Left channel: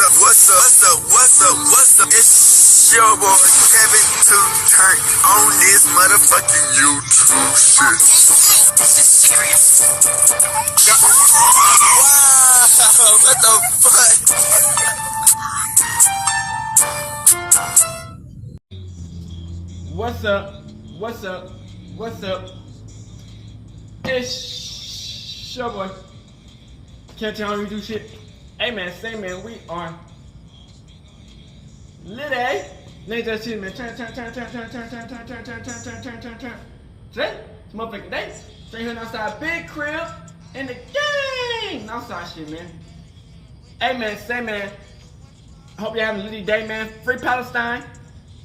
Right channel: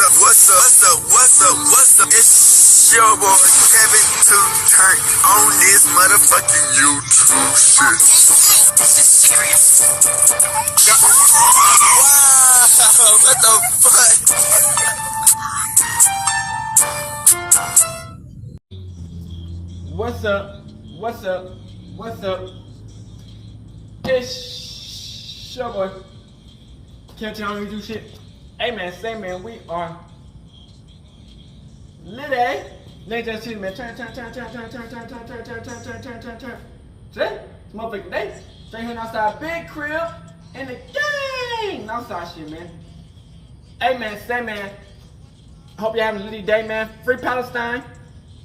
What's up? It's your boy Kevin to turn on this motherfucking YouTube shit. This is serious. Wow, what the fuck? What's up? It's your boy. Can't tell me do shit. Hey man, say man, we are lit, eh? Let that shit, man. Turn. Today, it's motherfucking day. Straight here outside, big crib in the gang. Outside shit, man. Hey man, say man. Hope you're having a litty day, man. Free Palestine,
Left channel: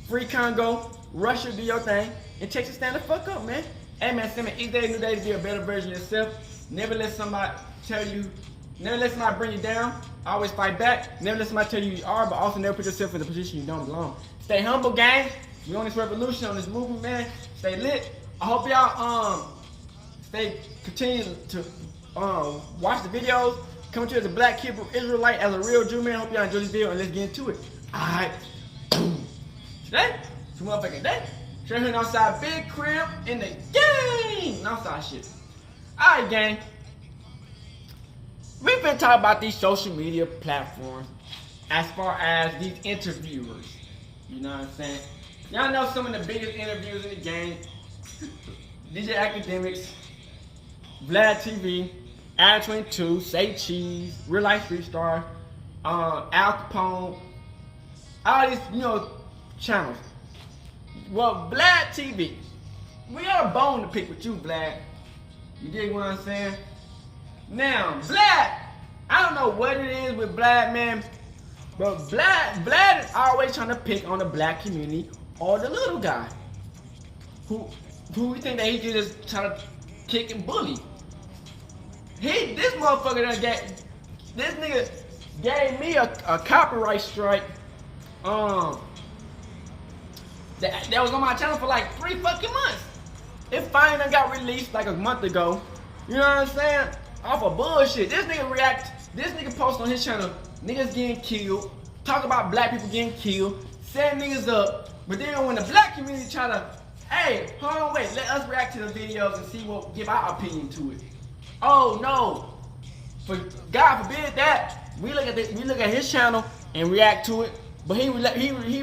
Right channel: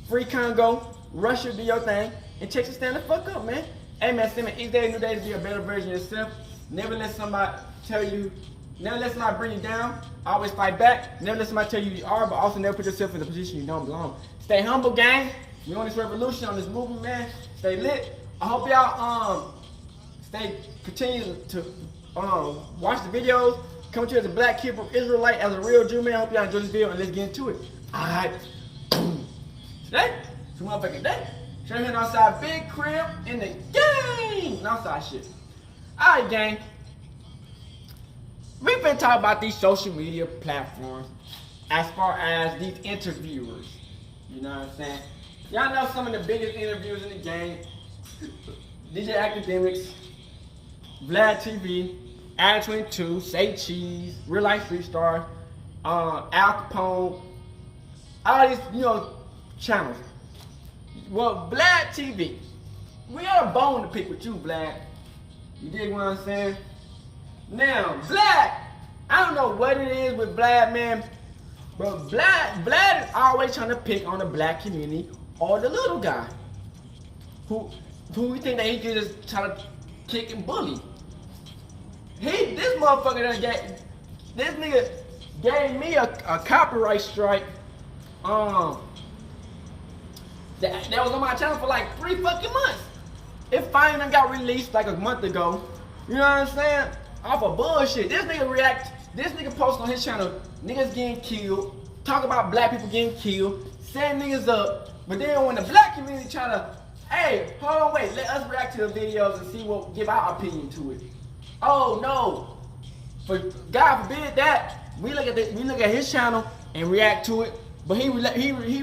free Congo, Russia, do your thing, and Texas stand the fuck up, man. Hey man, say man, each day, new day to be a better version of yourself. Never let somebody bring you down. Always fight back. Never let somebody tell you are, but also never put yourself in a position you don't belong. Stay humble, gang. We on this revolution, on this movement, man. Stay lit. I hope y'all continue to watch the videos. Come to as a black Hebrew Israelite, as a real Jew, man. I hope y'all enjoy this video and let's get into it. Alright. Today, it's a motherfucking day. Straight here outside, big crib in the gang. Outside shit. Alright, gang. We've been talking about these social media platforms as far as these interviewers. You know what I'm saying? Y'all know some of the biggest interviewers in the game. DJ Academics, Vladtv, Adam 22, Say Cheese, Real Life Street Star, Al Capone, all these, channels. Well, Vladtv, we got a bone to pick with you, Vlad. You dig what I'm saying? Now, Vlad, I don't know what it is with Vlad, man, but Vlad is always trying to pick on the black community or the little guy who we think that he can just try to kick and bully. This nigga gave me a copyright strike that was on my channel for like 3 fucking months. It finally done got released like a month ago. You know what I'm saying? Off of bullshit. This nigga post on his channel, niggas getting killed, talk about black people getting killed, set niggas up, but then when the black community try to, hey, hold on, wait, let us react to the videos and give our opinion to it. Oh no, for God forbid that, we look at his channel and react to it, but he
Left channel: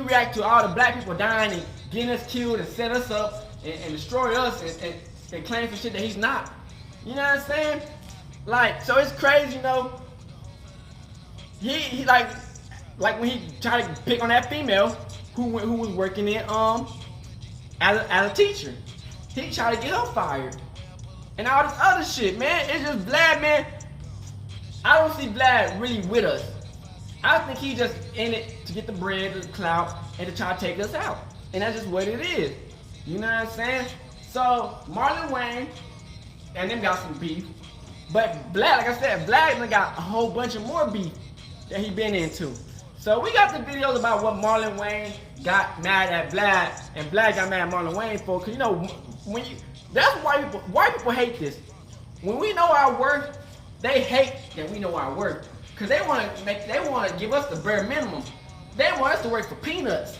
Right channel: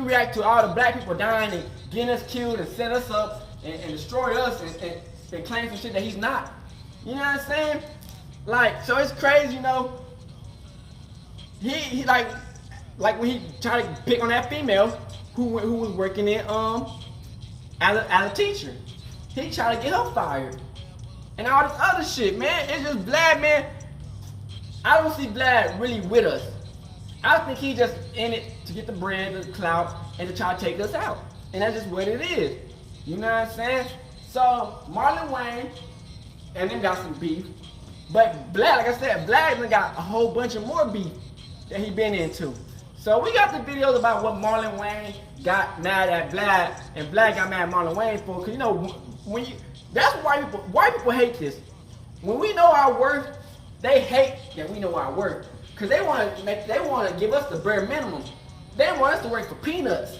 react to all the black people dying and getting us killed and set us up and destroy us and claim some shit that he's not. You know what I'm saying? Like, so it's crazy, He like when he tried to pick on that female who was working in as a teacher. He tried to get her fired. And all this other shit, man. It's just Vlad, man. I don't see Vlad really with us. I think he just in it to get the bread, the clout, and to try to take us out. And that's just what it is. You know what I'm saying? So Marlon, Wayan, and them got some beef. But Vlad, like I said, Vlad even got a whole bunch of more beef that he been into. So we got the videos about what Marlon Wayan got mad at Vlad, and Vlad got mad at Marlon Wayan for. Cause that's why white people hate this. When we know our worth, they hate that we know our worth. Cause they want to give us the bare minimum. They want us to work for peanuts,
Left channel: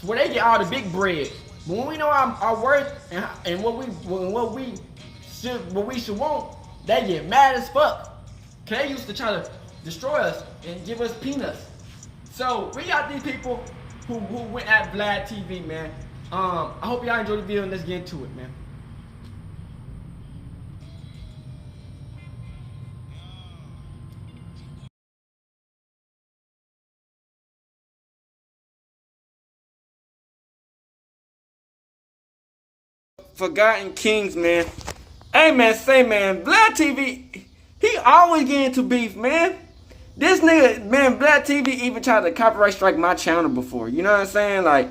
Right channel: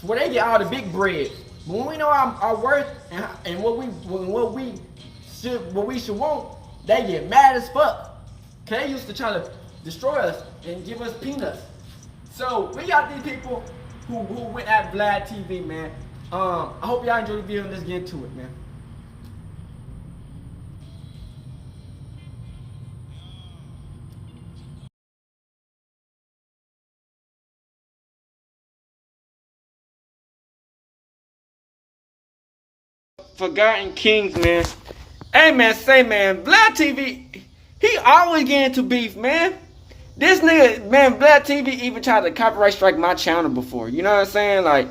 so where they get all the big bread. But when we know our worth and what we should want, they get mad as fuck. Cause they used to try to destroy us and give us peanuts. So we got these people who went at Vladtv, man. I hope y'all enjoyed the video and let's get into it, man. Forgotten Kings, man. Hey man, say man, Vladtv, he always get into beef, man. This nigga, man, Vladtv even tried to copyright strike my channel before. You know what I'm saying? Like,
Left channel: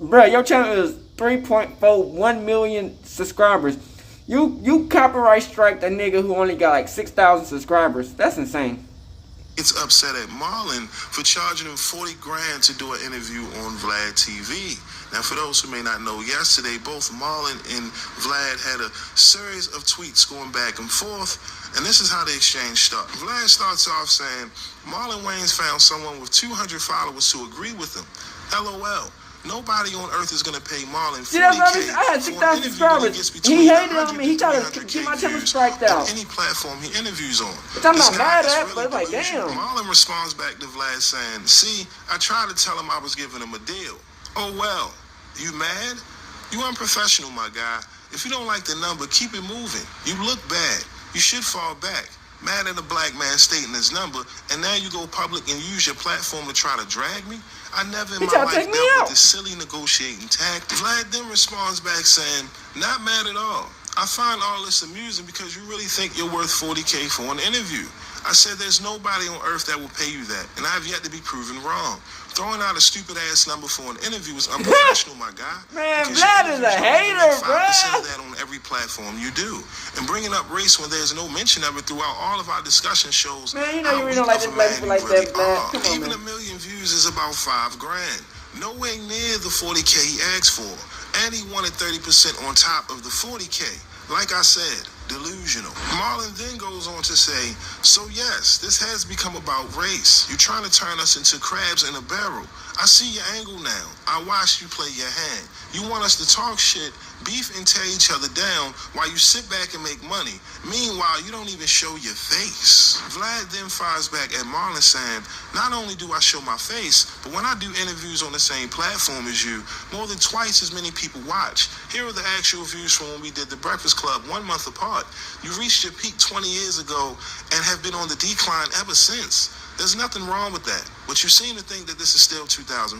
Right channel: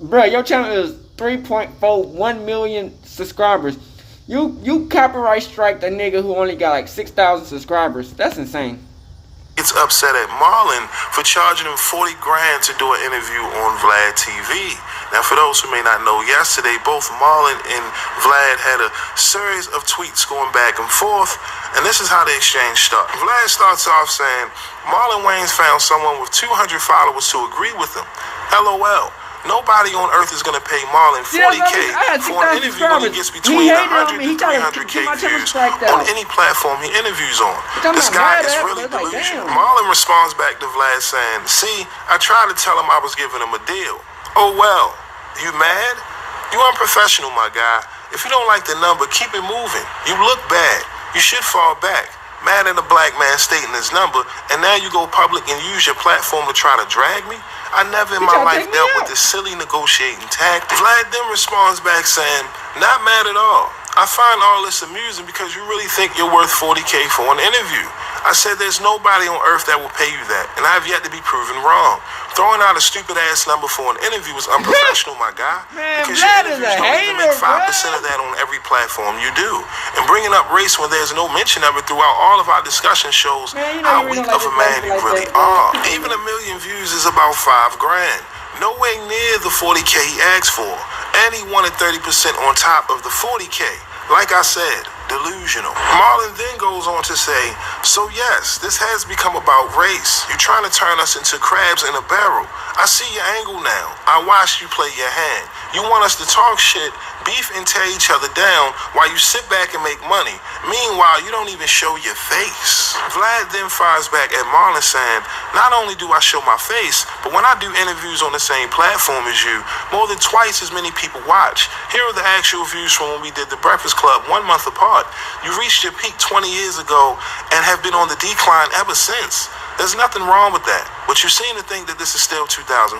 bruh, your channel is 3.41 million subscribers. You copyright strike the nigga who only got like 6,000 subscribers. That's insane. It's upset at Marlon for charging him 40 grand to do an interview on Vladtv. Now, for those who may not know, yesterday both Marlon and Vlad had a series of tweets going back and forth, and this is how the exchange started. Vlad starts off saying, Marlon Wayans found someone with 200 followers to agree with him. LOL. Nobody on earth is going to pay Marlon $40K for an interview when he gets between 100 to 300K views on any platform he interviews on. This guy is really delusional. Marlon responds back to Vlad saying, see, I tried to tell him I was giving him a deal. Oh well, you mad? You unprofessional, my guy. If you don't like the number, keep it moving. You look bad. You should fall back. Mad at a black man stating his number, and now you go public and use your platform to try to drag me? I never in my life dealt with this silly negotiating tactic. Vlad then responds back saying, not mad at all. I find all this amusing because you really think you're worth $40K for an interview. I said there's nobody on earth that will pay you that, and I've yet to be proven wrong. Throwing out a stupid-ass number for an interview is unprofessional, my guy. Man, Vlad is a hater, 5% of that on every platform you do. And bringing up race when there's no mention of it throughout all of our discussion shows how weak of a man you really are. Even 1 million views is about $5 grand. Nowhere near the $40K he asked for. And he wanted 30% on top of the $40K. Like I said, delusional. Marlon then goes on to say, so yes, this has become about race. You're trying to turn us into crabs in a barrel. I see your angle now. I watched you play your hand. You want us to talk shit, beef, and tear each other down while you sit back and make money. Meanwhile, you don't even show your face. Vlad then fires back at Marlon saying, not only do I show my face, but when I do interviews on the same platform as you, more than twice as many people watch. Here are the actual views from when we did The Breakfast Club 1 month apart. You reached your peak 20 years ago and have been on the decline ever since. There's nothing wrong with that, but you seem to think that this is still 2004.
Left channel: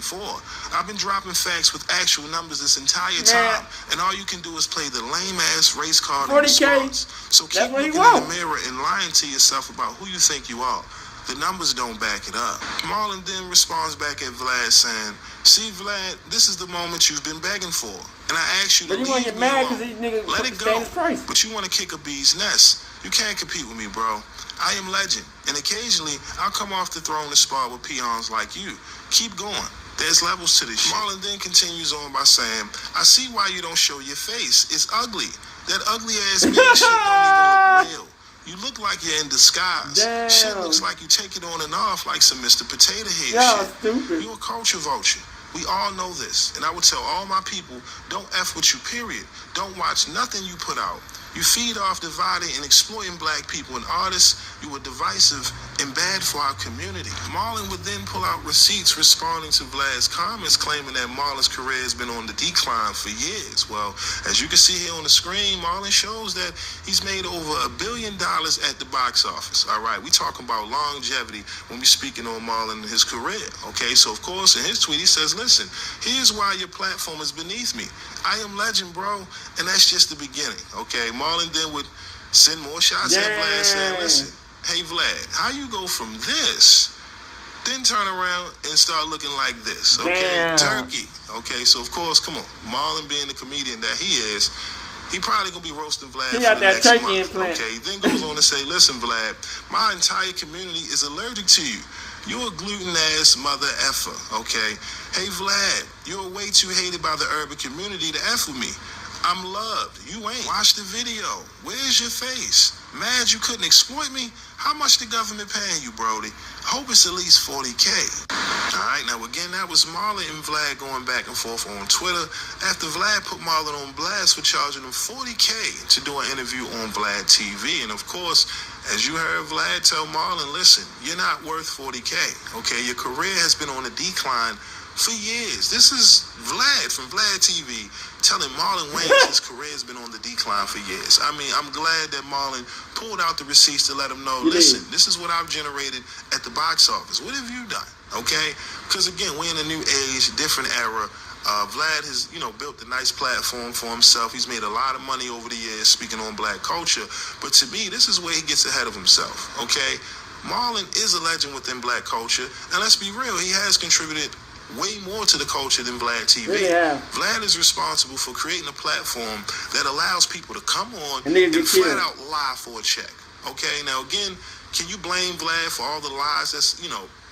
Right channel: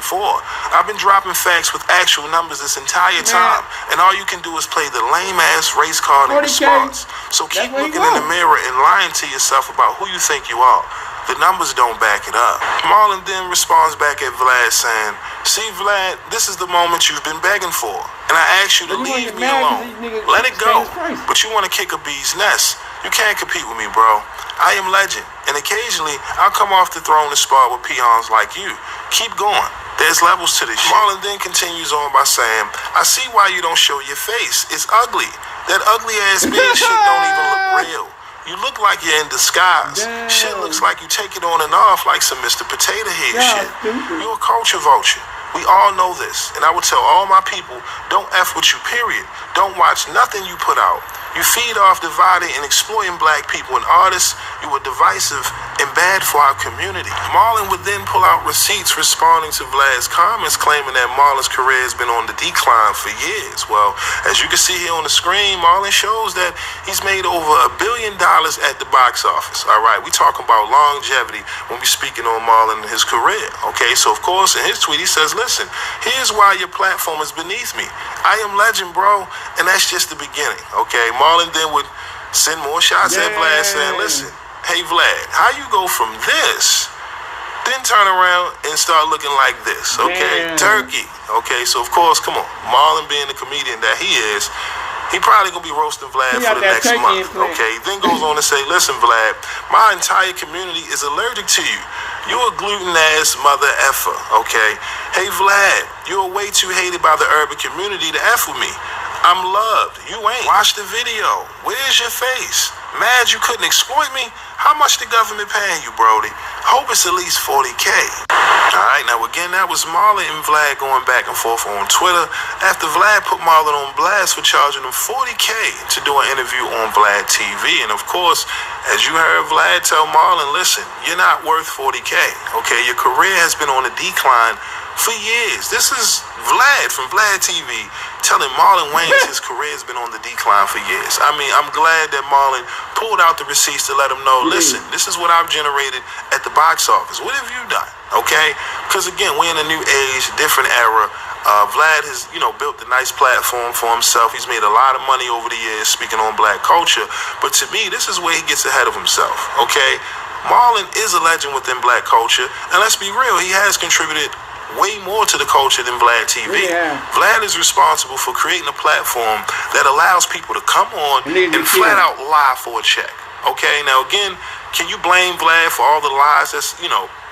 I've been dropping facts with actual numbers this entire time, and all you can do is play the lame-ass race card in response. So keep looking in the mirror and lying to yourself about who you think you are. The numbers don't back it up. Marlon then responds back at Vlad saying, see, Vlad, this is the moment you've been begging for, and I asked you to leave me alone. Let it go, but you want to kick a bee's nest. You can't compete with me, bro. I am legend, and occasionally I'll come off the throne and spar with peons like you. Keep going. There's levels to this shit. Marlon then continues on by saying, I see why you don't show your face. It's ugly. That ugly ass beard shit don't even look real. You look like you're in disguise. Damn. Shit looks like you take it on and off like some Mr. Potato Head shit. You're a culture vulture. We all know this, and I would tell all my people, don't F with you, period. Don't watch nothing you put out. You feed off dividing and exploiting black people and artists. You were divisive and bad for our community. Marlon would then pull out receipts responding to Vlad's comments, claiming that Marlon's career has been on the decline for years. Well, as you can see here on the screen, Marlon shows that he's made over $1 billion at the box office. All right, we talking about longevity when we speaking on Marlon and his career. Okay, so of course in his tweet he says, listen, here's why your platform is beneath me. I am legend, bro, and that's just the beginning. Okay, Marlon then would send more shots at Vlad saying, listen, hey Vlad, how you go from this, then turn around and start looking like this, okay? Turkey, okay? So of course, come on, Marlon being the comedian that he is, he probably gonna be roasting Vlad for the next month, okay? Then goes on to say, listen Vlad, my entire community is allergic to you. You a gluten-ass mother effer, okay? Hey Vlad, you're way too hated by the urban community to F with me. I'm loved. You ain't. Watch the video. Where's your face? Mad you couldn't exploit me? How much the government paying you, Brody? Hope it's at least 40K. Alright, now again, that was Marlon and Vlad going back and forth on Twitter after Vlad put Marlon on blast for charging him 40K to do an interview on Vladtv. And of course, as you heard Vlad tell Marlon, listen, you're not worth 40K. Okay, your career has been on a decline for years. This is Vlad from Vladtv telling Marlon Wayans his career has been on the decline for years. I mean, I'm glad that Marlon pulled out the receipts to let him know, listen, this is what I've generated at the box office. What have you done? Okay? Because again, we're in a new age, different era. Vlad has, built a nice platform for himself. He's made a lot of money over the years speaking on black culture. But to me, this is where he gets ahead of himself. Okay? Marlon is a legend within black culture. And let's be real, he has contributed way more to the culture than Vladtv. Vlad is responsible for creating a platform that allows people to come on and flat out lie for a check. Okay, now again, Can you blame Vlad for all the lies that's,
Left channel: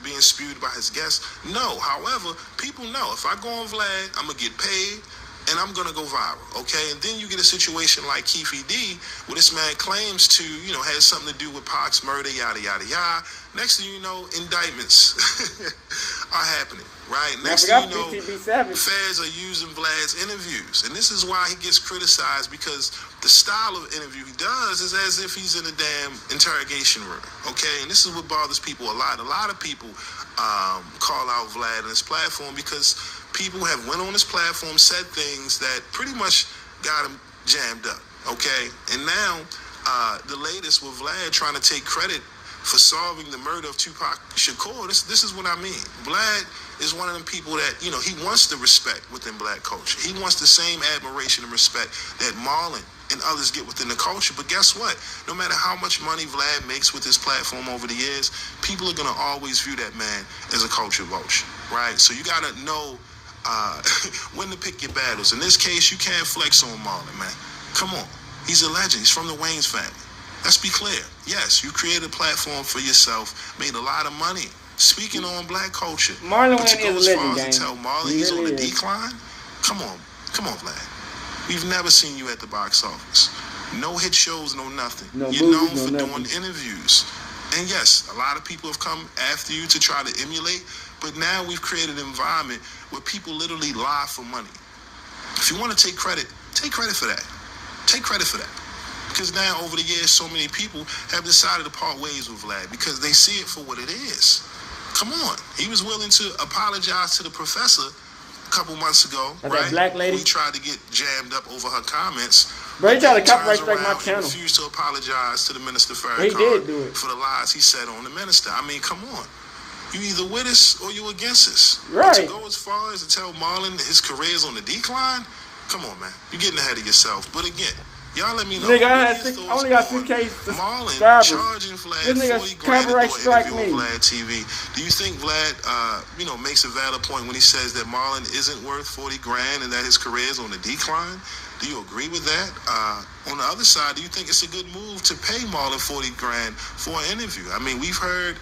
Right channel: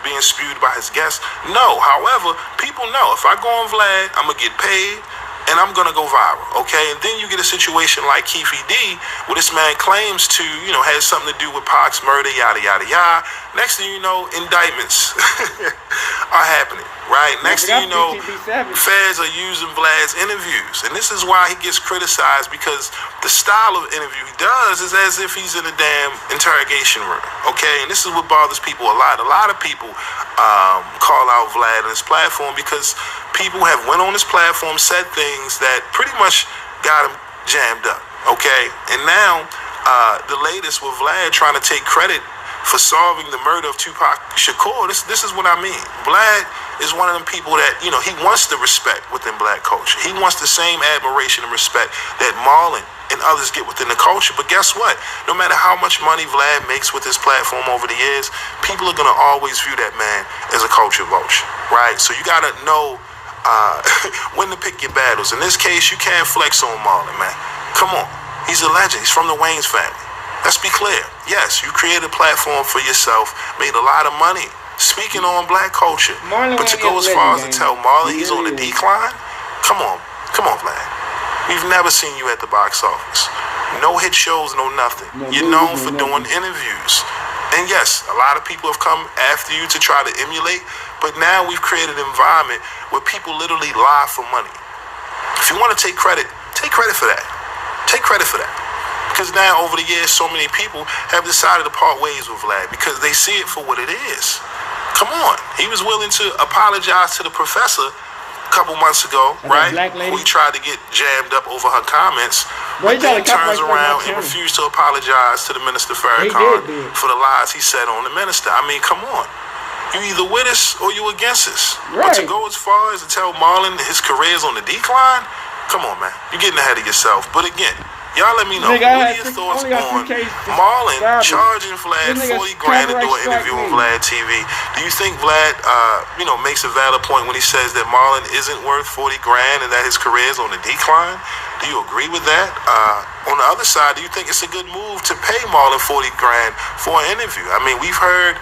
being spewed by his guests? No. However, people know if I go on Vlad, I'm going to get paid and I'm going to go viral, okay? And then you get a situation like Keefy D, where this man claims to, has something to do with Pac's murder, yada, yada, yada. Next thing you know, indictments are happening, right? Next thing you know, feds are using Vlad's interviews. And this is why he gets criticized, because the style of interview he does is as if he's in a damn interrogation room, okay? And this is what bothers people a lot. A lot of people call out Vlad on his platform because people have went on his platform, said things that pretty much got him jammed up, okay? And now, the latest with Vlad trying to take credit for solving the murder of Tupac Shakur, this is what I mean. Vlad is one of them people that, he wants the respect within black culture. He wants the same admiration and respect that Marlon and others get within the culture. But guess what? No matter how much money Vlad makes with his platform over the years, people are going to always view that man as a culture vulture, right? So you got to know when to pick your battles. In this case, you can't flex on Marlon, man. Come on. He's a legend. He's from the Wayans family. Let's be clear. Yes, you created a platform for yourself, made a lot of money, speaking on black culture. Marlon, but to go as far as to tell Marlon he's on the decline? Come on, Vlad. We've never seen you at the box office. No hit shows, no nothing. You're known for doing interviews. And yes, a lot of people have come after you to try to emulate, but now we've created an environment where people literally lie for money. If you want to take credit for that. Take credit for that. Because now, over the years, so many people have decided to part ways with Vlad because they see it for what it is. Come on. He was willing to apologize to the professor a couple months ago, right? Who he tried to get jammed up over her comments. But then he turns around and refused to apologize to the Minister Farrakhan for the lies he said on the minister. I mean, come on. You either with us or you against us. But to go as far as to tell Marlon his career's on the decline, come on, man. You're getting ahead of yourself. But again, y'all let me know. What are your thoughts on Marlon charging Vlad 40 grand to do an interview on Vladtv? Do you think Vlad, makes a valid point when he says that Marlon isn't worth 40 grand and that his career is on the decline? Do you agree with that? On the other side, do you think it's a good move to pay Marlon 40 grand for an interview? I mean, we've heard,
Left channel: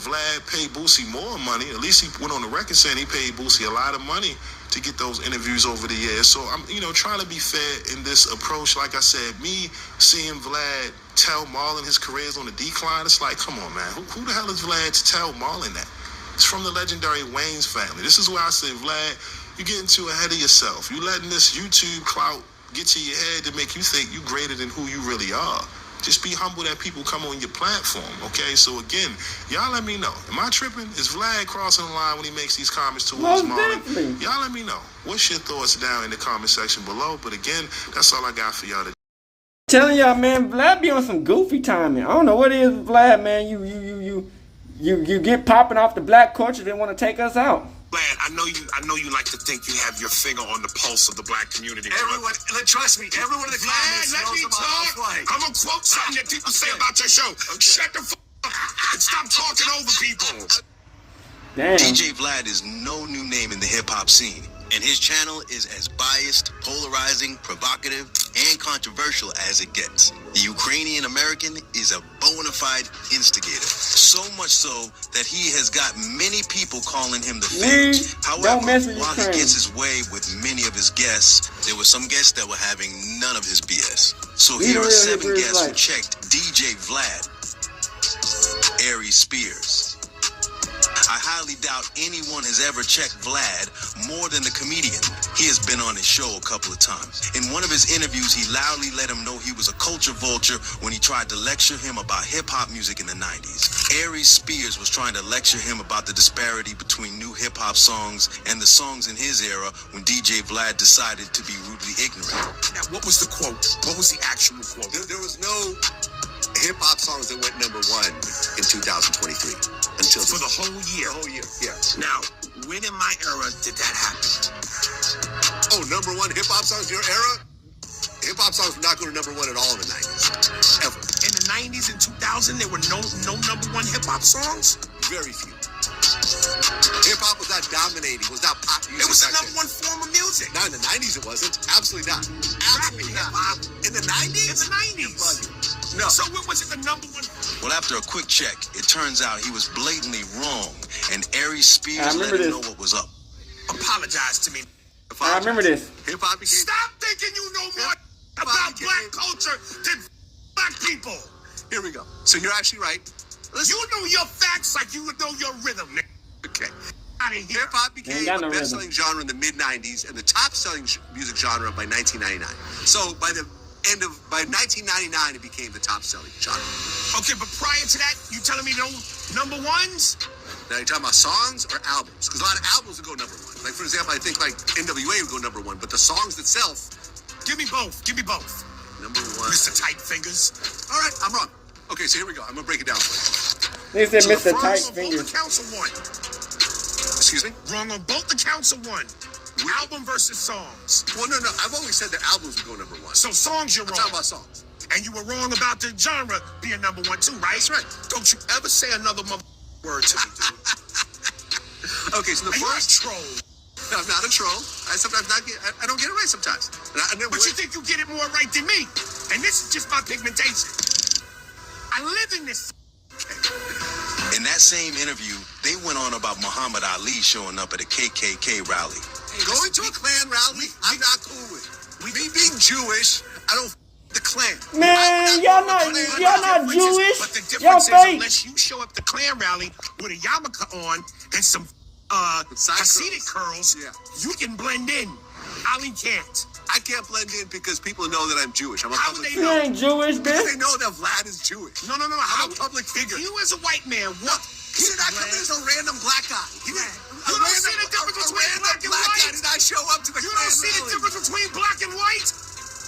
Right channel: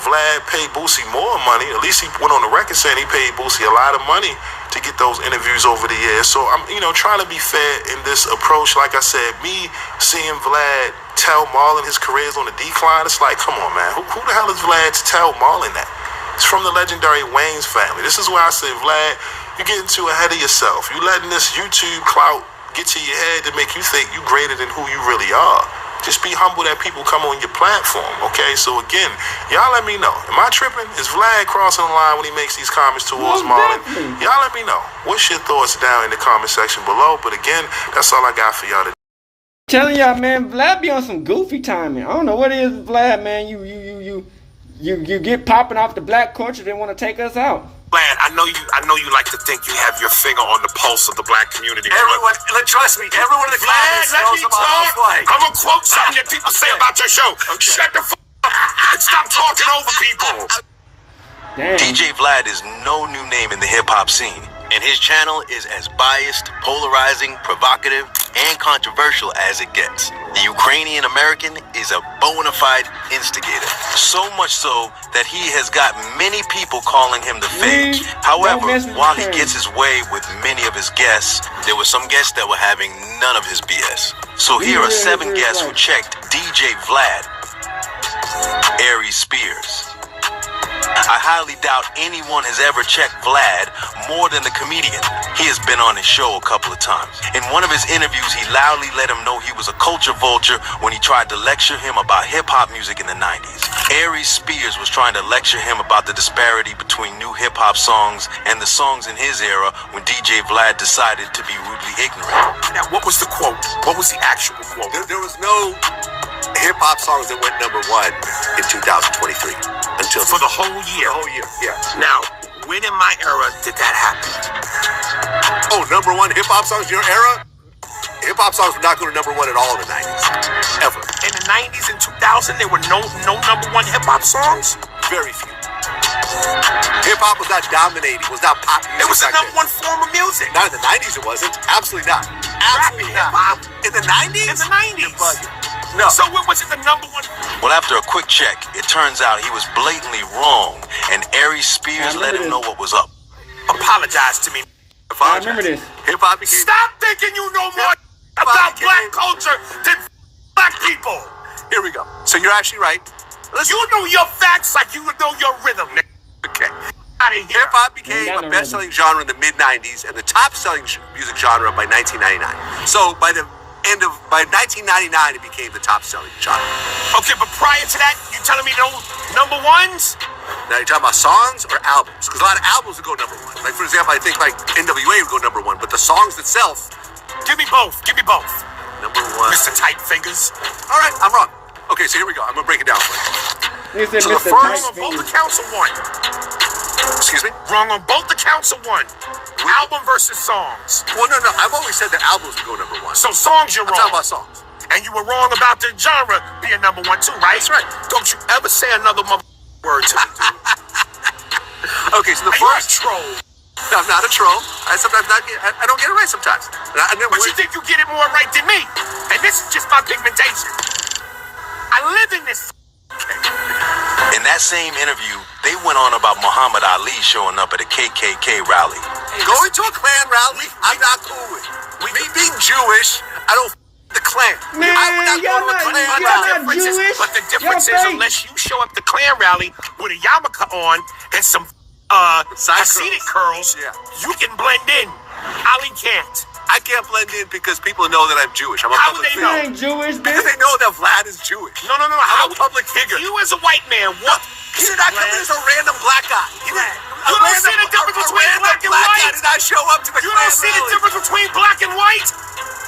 Vlad paid Boosie more money. At least he went on the record saying he paid Boosie a lot of money to get those interviews over the years. So I'm, trying to be fair in this approach. Like I said, me seeing Vlad tell Marlon his career is on the decline, it's like, come on, man. Who the hell is Vlad to tell Marlon that? It's from the legendary Wayans family. This is why I say, Vlad, you're getting too ahead of yourself. You letting this YouTube clout get to your head to make you think you greater than who you really are. Just be humble that people come on your platform, okay? So again, y'all let me know. Am I tripping? Is Vlad crossing the line when he makes these comments towards Marlon? Y'all let me know. What's your thoughts down in the comment section below? But again, that's all I got for y'all today. Telling y'all, man, Vlad be on some goofy timing. I don't know what it is, Vlad, man. You get popping off the black culture. They want to take us out. Vlad, I know you like to think you have your finger on the pulse of the black community. Everyone, trust me, everyone in the comments knows about how it's like. I'm gonna quote something that people say about your show. Okay. Shut the up and stop talking over people. Damn. DJ Vlad is no new name in the hip-hop scene, and his channel is as biased, polarizing, provocative, and controversial as it gets. The Ukrainian American is a bona fide instigator, so much so that he has got many people calling him the fake. However, while he gets his way with many of his guests, there were some guests that were having none of his BS. So here are 7 guests who checked DJ Vlad. Aries Spears. I highly doubt anyone has ever checked Vlad more than the comedian. He has been on his show a couple of times. In one of his interviews, he loudly let him know he was a culture vulture when he tried to lecture him about hip-hop music in the 90s. Aries Spears was trying to lecture him about the disparity between new hip-hop songs and the songs in his era when DJ Vlad decided to be rudely ignorant. Now, what was the quote? What was the actual quote? There was no hip-hop songs that went #1 in 2023 until for the whole year. The whole year, yeah. Now, when in my era did that happen? Oh, #1 hip-hop songs, your era? Hip-hop songs were not going to #1 at all in the 90s. Ever. In the 90s and 2000, there were no #1 hip-hop songs? Very few. Hip-hop was not dominating, was not pop music. It was the #1 form of music. Not in the 90s it wasn't. Absolutely not. Absolutely not. In the 90s? In the 90s. No. So what was it the #1? Well, after a quick check, it turns out he was blatantly wrong, and Aries Spears let him know what was up. Apologize to me. I remember this. Hip-hop became... Stop thinking you know more about black culture than black people. Here we go. So you're actually right. You know your facts like you know your rhythm, nigga. Okay. Out of here. Hip-hop became a best-selling genre in the mid-90s and the top-selling music genre by 1999. So by 1999, it became the top-selling genre. Okay, but prior to that, you telling me no number ones? Now, you're talking about songs or albums? Because a lot of albums would go number one. Like, for example, I think, like, NWA would go number one. But the songs itself... Give me both. Give me both. Number one. Mr. Tight Fingers. All right, I'm wrong. Okay, so here we go. I'm going to break it down for you. He said So Mr. the Tight Wrong on both Fingers. accounts of one. Excuse me? Wrong on both accounts of one. Album versus songs. Well, no. I've always said that albums would go number one. So songs you're I'm wrong. talking about songs. And you were wrong about the genre being number one too, right? That's right. Don't you ever say another word to me, dude. Okay, so the Are you a first... troll? No, I'm not a troll. I don't get it right sometimes. But you think you get it more right than me. And this is just my pigmentation. I live in this. In that same interview, they went on about Muhammad Ali showing up at a KKK rally. Going to a Klan rally, I'm not cool with. Me being Jewish, I don't the Klan. Man, y'all not Jewish. But the Y'all difference is, fake. unless you show up the Klan rally with a yarmulke on and some Hasidic curls, Yeah. you can blend in. Ali can't. I can't blend in because people know that I'm Jewish. I'm a How would public they You know? ain't Jewish, Because bitch. they know that Vlad is Jewish. No. I'm How a public figure. You as a white man, what? He did not come in as a random black guy. He didn't. You don't see the difference between black and guy white? did not show up to the You Klan don't see the rally. difference between black and white?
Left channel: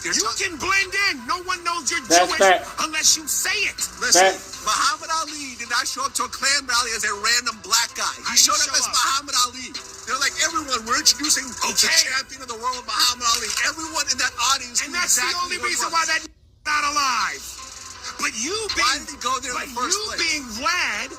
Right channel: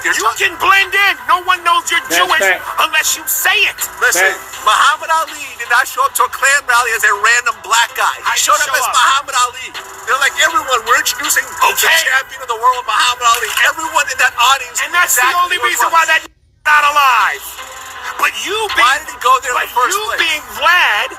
You're You talking- can blend in. No one knows you're That's Jewish fact. unless you say it. Listen, Fact. Muhammad Ali did not show up to a Klan rally as a random black guy. How He did showed he up show as up? Muhammad Ali. They're like, everyone, we're introducing the champion of the world, Muhammad Ali. Everyone in that audience And knew that's exactly the only who it reason was. why that not alive. But you being, Why did he go there in but the first you place? being Vlad,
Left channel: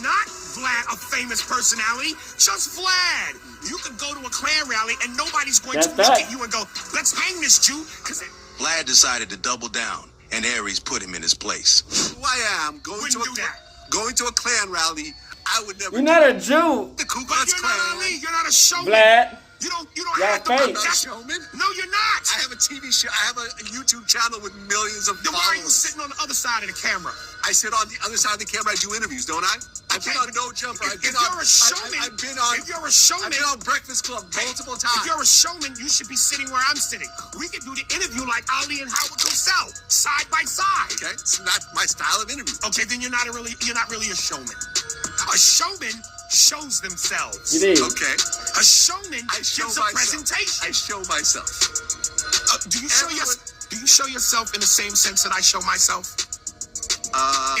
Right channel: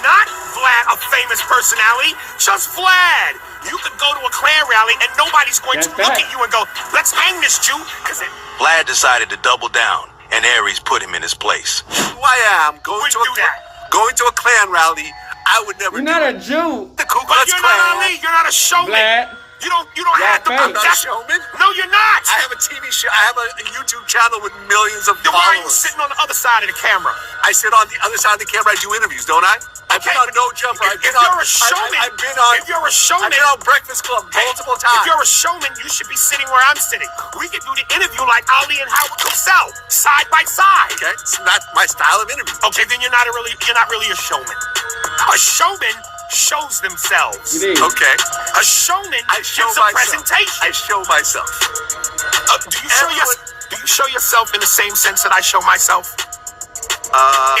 not Vlad, a famous personality, just Vlad. You could go to a Klan rally and nobody's going That's to look fact. at you and go, let's hang this Jew. Because Vlad decided to double down, and Aries put him in his place. Who I am, going to a Klan rally, I would never You're do not it. a Jew, The Ku but Klux you're Klan. not Ali. You're not a showman. Vlad. You don't Y'all have to fake. I'm not a showman. No, you're not. I have a TV show. I have a YouTube channel with millions of Then why are you followers. sitting on the other side of the camera? I sit on the other side of the camera. I do interviews, don't I? I've been on No Jumper. I've If been on. you're a showman, I've been on. if you're a showman, I've been on Breakfast Club multiple If times. you're a showman, you should be sitting where I'm sitting. We could do the interview like Ali and Howard Cosell, side by side. Okay, it's not my style of interview. Okay, then you're not really a showman. A showman shows themselves. It is. Okay, A showman I show gives a myself. presentation. I show myself. Do you show yourself in the same sense that I show myself?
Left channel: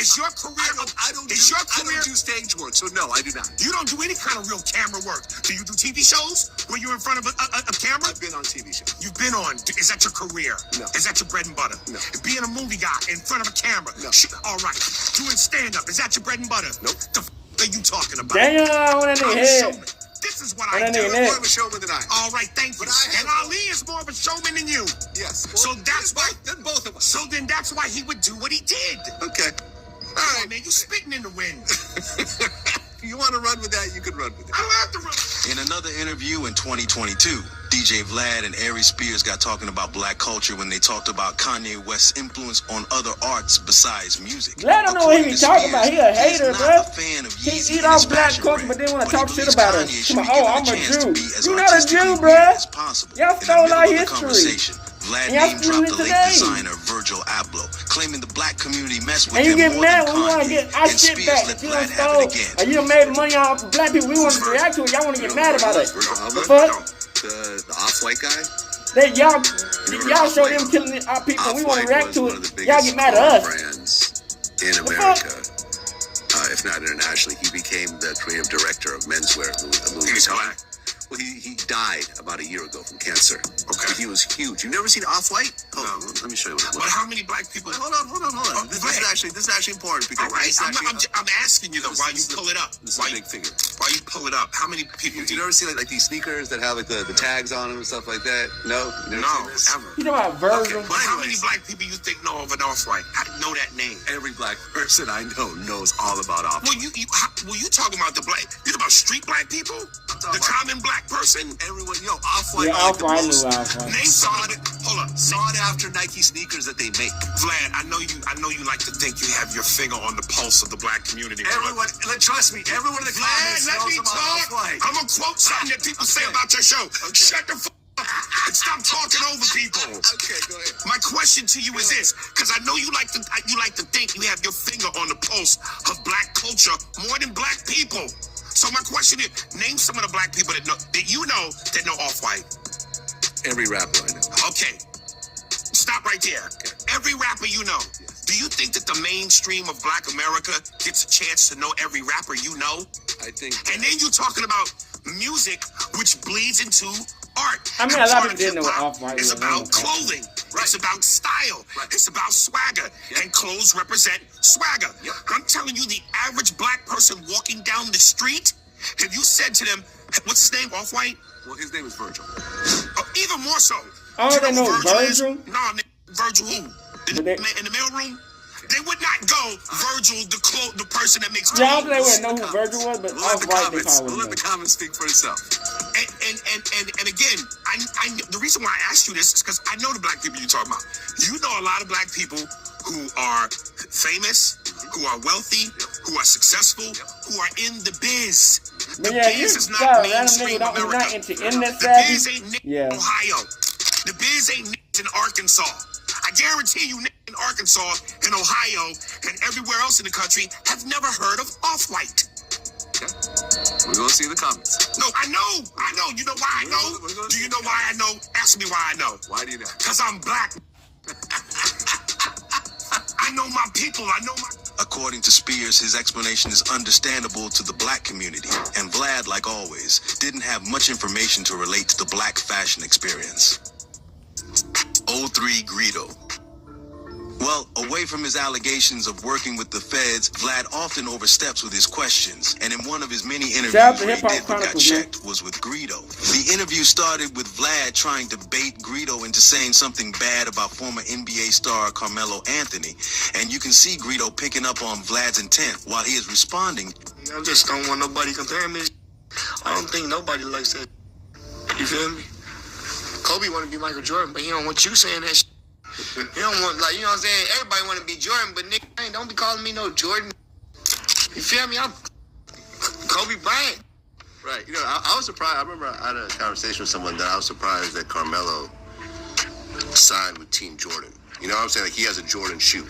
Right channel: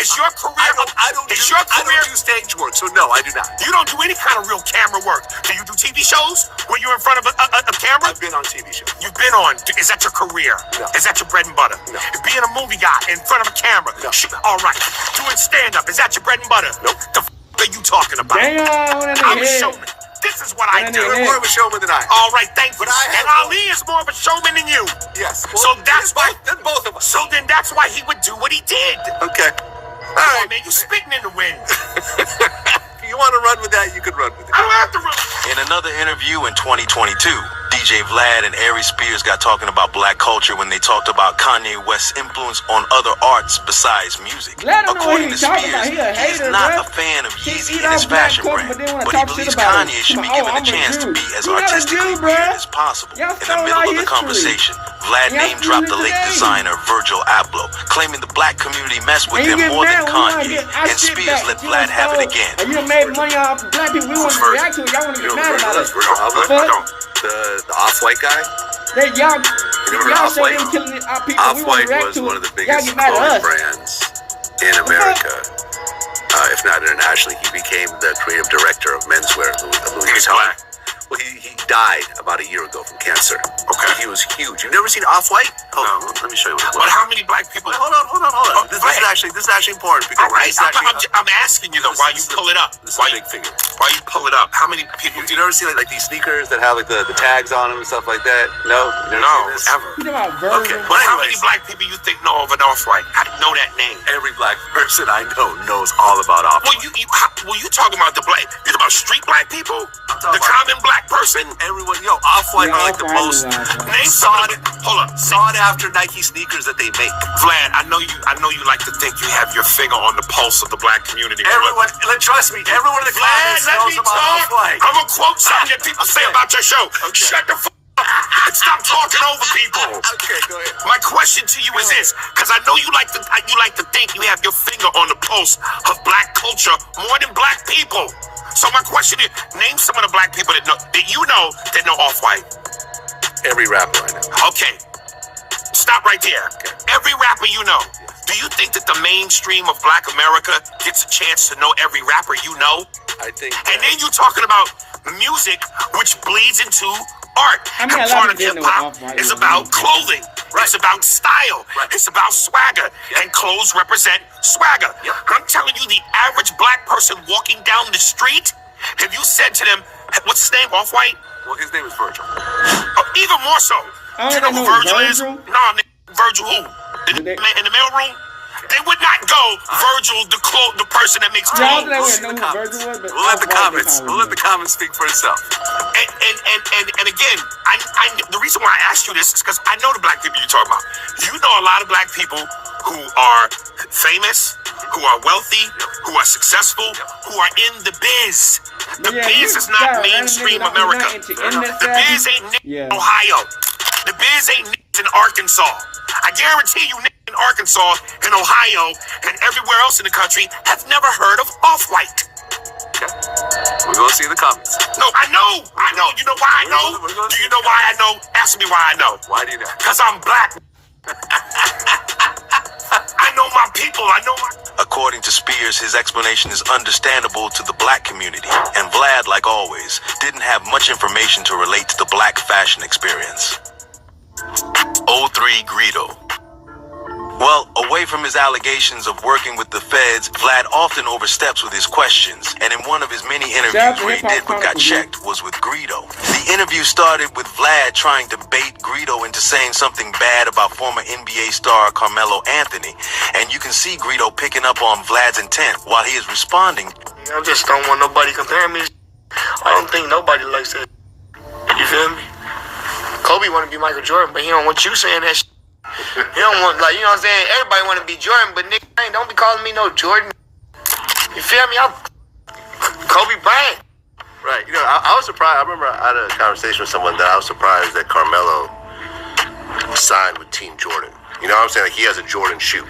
Is your career? I don't is do, your I career? don't do stage work, so no, I do not. You don't do any kind of real camera work. Do you do TV shows where you're in front of a camera? I've been on TV shows. You've been on. Is that your career? No. Is that your bread and butter? No. Being a movie guy in front of a camera? No. All right. Doing stand-up. Is that your bread and butter? Nope. The are you talking about? Damn, that I'm a nigga head. showman. This is what I That do. nigga You're more of a showman than I am. All right, thank you. But I have- And Ali is more of a showman than you. Yes. So that's then why. Then both of us. So then that's why he would do what he did. Okay. Come All on, man. You spitting in the wind. If you want to run with that, you can run with it. I don't have to run. In another interview in 2022, DJ Vlad and Aries Spears got talking about black culture when they talked about Kanye West's influence on other arts besides music. Vlad don't know what According he's to talking Spears, about. He a he's hater, not bro. a fan of He Yeezy eat and his off black fashion culture, brand, but then wanna but talk he shit believes about Kanye us. should be Oh, given I'm a a chance to Jew. be as You're not a artistically Jew, weird bruh. as possible. Y'all In the stole middle our of the history. conversation, Vlad And y'all name dropped the stealing late today. designer Virgil Abloh, claiming the black community messed with And you him get more mad than when you want to Kanye, get our and shit Spears back. let You Vlad done have it stole, again. and you done made money off black people. We want to react to it. Y'all want to get mad about it. The fuck? The off-white guy? That y'all show Off-White? them killing our people. We want Off-White to react was to one of the it. Y'all biggest get mad at clothing us. brands in America, if not internationally. He became the creative director of menswear, Louis He's Vuitton. black. Well, he died about a year ago from cancer. Okay. He was huge. You've never seen Off-White? Hold on, let me show you what it was. But how many black people? Wait, hold on. This is actually important because All right, this is actually, I'm asking you though. Why you pull it up? This is a big figure. Why you pull it up? How many people? You never see like these sneakers that have like the tags on them and stuff like that? No, you never seen this? Ever. You know about Virgil? Okay. But how many Anyways. black people you think know of an Off-White? I know that name. Every black person I know knows all about Off-White. You talking about the black? You talking about street black people? The common black person? Everyone, Off-White are like the most Name sought after Nike sneakers that they make. Vlad, I know you like to think you have your finger on the pulse of the black community. Everyone, trust me, everyone in the comments Vlad, let knows me about talk. Off-White. I'm gonna quote something that people say about your show. Okay. Shut the fuck up and stop talking over people. Okay, go ahead. My question to you is this, because I know you like to think you have your finger on the pulse of black culture more than black people. So my question is, name some of the black people that know Off-White. Every rapper I know. Okay, stop right there. Every rapper you know. Do you think that the mainstream of black America gets a chance to know every rapper you know? I think. And then you talking about music, which bleeds into art. I mean, And a lot part of people didn't know what Off-White is was. about clothing. Right. It's about style. Right. It's about swagger. Yep. And clothes represent swagger. Yep. I'm telling you, the average black person walking down the street, if you said to them, what's his name, Off-White? Well, his name is Virgil. Even more so. Oh, Do you they know who know Virgil is? Virgil? No, Virgil who? Did they- In the mailroom? They would not go Virgil, the person that makes Yeah, I clothes. they wouldn't know who Virgil was, but We'll let the Off-White they comments. call We'll let him. the comments speak for itself. And again, the reason why I asked you this is because I know the black people you're talking about. You know a lot of black people who are famous, who are wealthy, who are successful, who are in the biz. The Yeah, biz you is got not random mainstream niggas who's America. not into internet The savvy. biz ain't niggas Yeah. in Ohio. The biz ain't niggas in Arkansas. I guarantee you niggas in Arkansas and Ohio and everywhere else in the country have never heard of Off-White. Okay. We're gonna see the comments. No, I know. You know why I know? We're gonna Do you see know the why I know? Ask me why I know. Why do you know? Because I'm black. I know my people. I know my... According to Spears, his explanation is understandable to the black community, and Vlad, like always, didn't have much information to relate to the black fashion experience. 03 Greedo. Well, away from his allegations of working with the feds, Vlad often oversteps with his questions, and in one of his many Shout out interviews to where he Hip Hop did what got Chronicles, checked was with Greedo. The interview started with Vlad trying to bait Greedo into saying something bad about former NBA star Carmelo Anthony, and you can see Greedo picking up on Vlad's intent while he is responding. I just don't want nobody comparing me. I don't think nobody likes that. You feel me? Kobe want to be Michael Jordan, but he don't want you saying that shit. He don't want, like, you know what I'm saying? Everybody want to be Jordan, but nigga, don't be calling me no Jordan. You feel me? I'm Kobe Bryant. Right. You know, I was surprised. I remember I had a conversation with someone that I was surprised that Carmelo signed with Team Jordan. You know what I'm saying? Like, he has a Jordan shoe.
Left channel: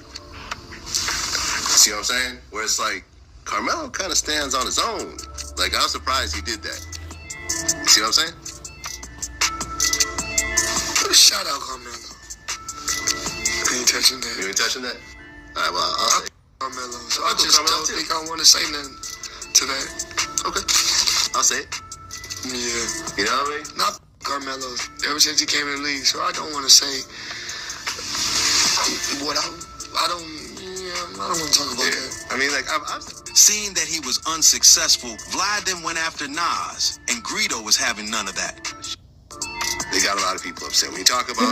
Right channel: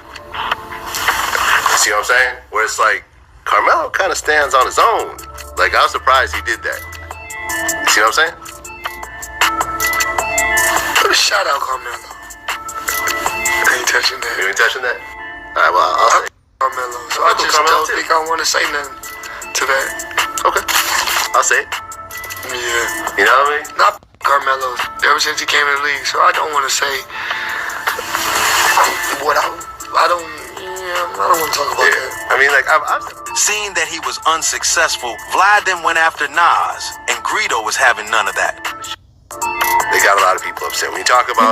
See what I'm saying? Where it's like, Carmelo kind of stands on his own. Like, I was surprised he did that. See what I'm saying? Put a shout out, Carmelo. I ain't touching that. You ain't touching that? All right, well, I'll say. Carmelo. So I just don't think I want to say nothing to that. Okay. I'll say it. Yeah. You know what I mean? Not Carmelo. Ever since he came in the league, so I don't want to say what I don't want to talk about that. I mean, like, I've Seeing that he was unsuccessful, Vlad then went after Nas, and Greedo was having none of that. they got a lot of people upset. When you talk about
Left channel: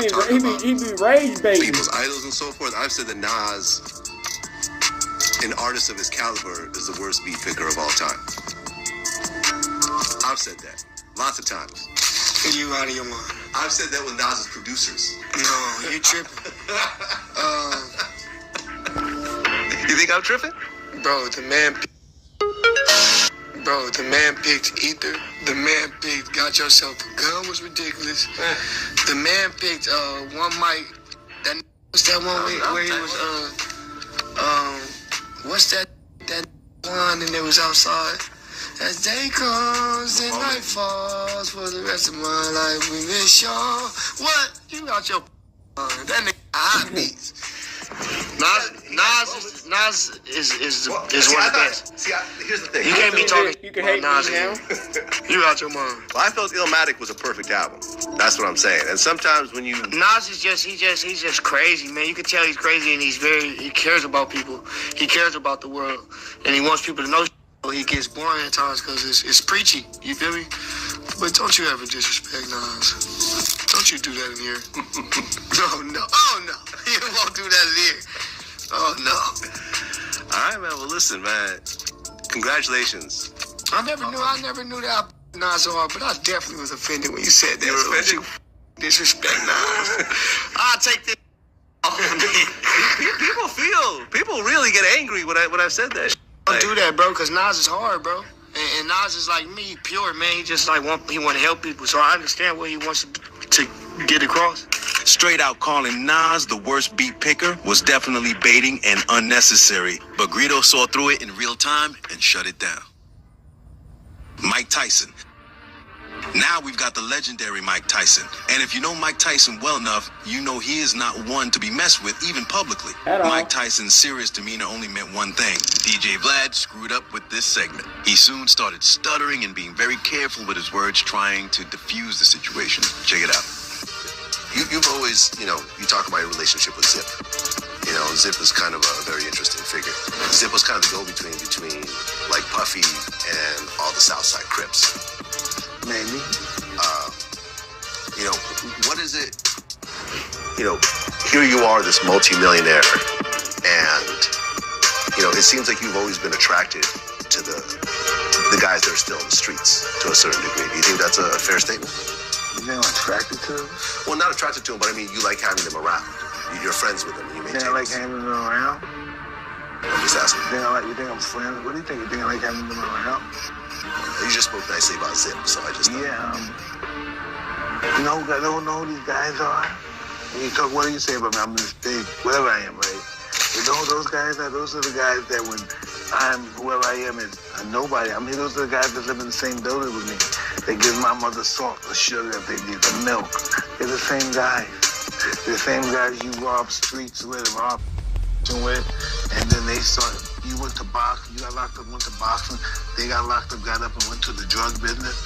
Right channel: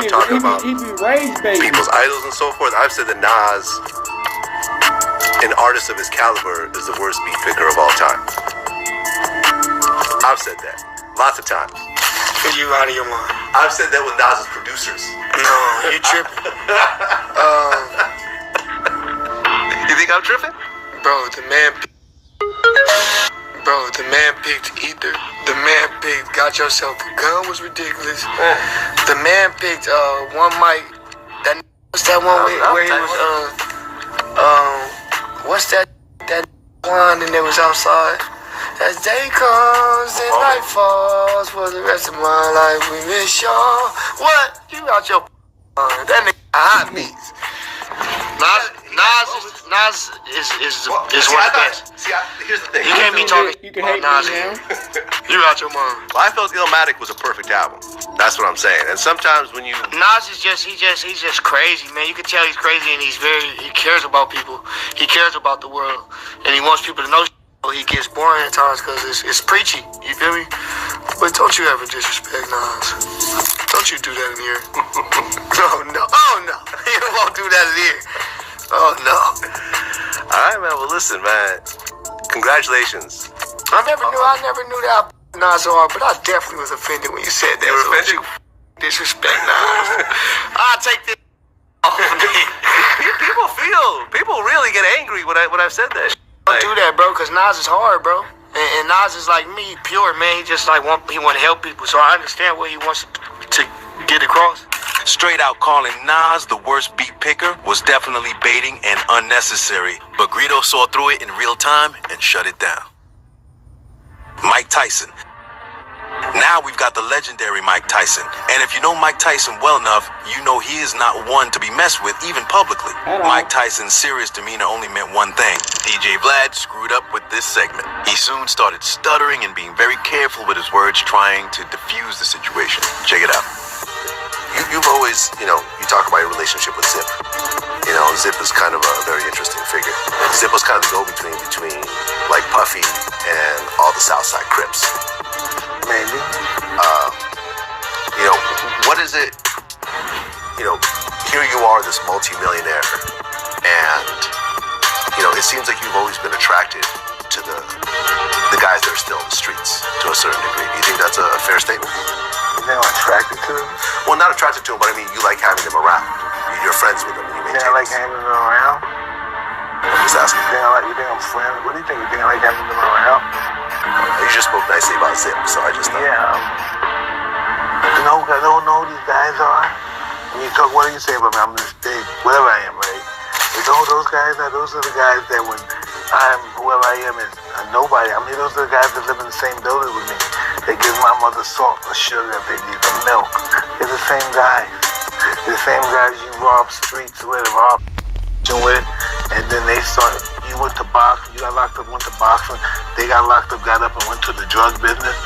He be rage baiting. people's idols and so forth, I've said that Nas, an artist of his caliber, is the worst beat picker of all time. I've said that lots of times. You out of your mind. I've said that with Nas's producers. No, you tripping. You think I'm tripping? Bro, the man picked Ether. The man picked Got Yourself a Gun was ridiculous. The man picked one mic. What's that one where he was what's that one and they was outside? As day comes and night falls for the rest of my life we miss y'all. What? You out your that nigga hot beats. Nas is one of the best. Here's the thing. You can't be talking. You can hate Nas me now. You out your mind. Well, I felt Illmatic was a perfect album. That's what I'm saying. And sometimes when you Nas is he's just crazy, man. You can tell he's crazy, and he cares about people. He cares about the world, and he wants people to know. He gets boring at times because it's preachy. You feel me? But don't you ever disrespect Nas. Don't you do that in here. Oh no. You won't do that in here. Oh no. all right, man. Well, listen, man. Congratulations. I never knew that Nas so hard, but I definitely was offended when you said that. You were offended? You disrespect Nas. I'll take this off of me. People really get angry when I said that. Don't do that, bro, because Nas is hard, bro. And Nas is like me, pure, man. He just like want to help people. So I understand what he wants to get across. Straight out calling Nas the worst beat picker was definitely baiting and unnecessary, but Greedo saw through it in real time and shut it down. Mike Tyson. Now we've got the legendary Mike Tyson. And if you know Mike Tyson well enough, you know he is not one to be messed with, even publicly. Mike Tyson's serious demeanor only meant one thing. DJ Vlad screwed up with this segment. He soon started stuttering and being very careful with his words, trying to diffuse the situation. Check it out. You've always, you talk about your relationship with Zip. Zip is kind of a very interesting figure. Zip was kind of the go-between between like Puffy and all the Southside Crips. Maybe. What is it? Here you are, this multimillionaire, and it seems like you've always been attracted to the guys that are still in the streets to a certain degree. Do you think that's a fair statement? You know, attracted to them? Well, not attracted to them, but I mean, you like having them around. You're friends with them. And you maintain. I like having them around. I'm just asking. You think I'm friends? What do you think? You think I like having them around? You just spoke nicely about Zip, so I just thought. Yeah. I don't know who these guys are. When you talk, what do you say about me? I'm this big, whatever I am, right? You know who those guys are? Those are the guys that when I'm, whoever I am, is a nobody. I mean, those are the guys that live in the same building with me. They give my mother salt or sugar if they need the milk. They're the same guys. They're the same guys you rob streets with, with, and then they start, you went to boxing, you got locked up, went to boxing, they got locked up, got up and went to the drug business,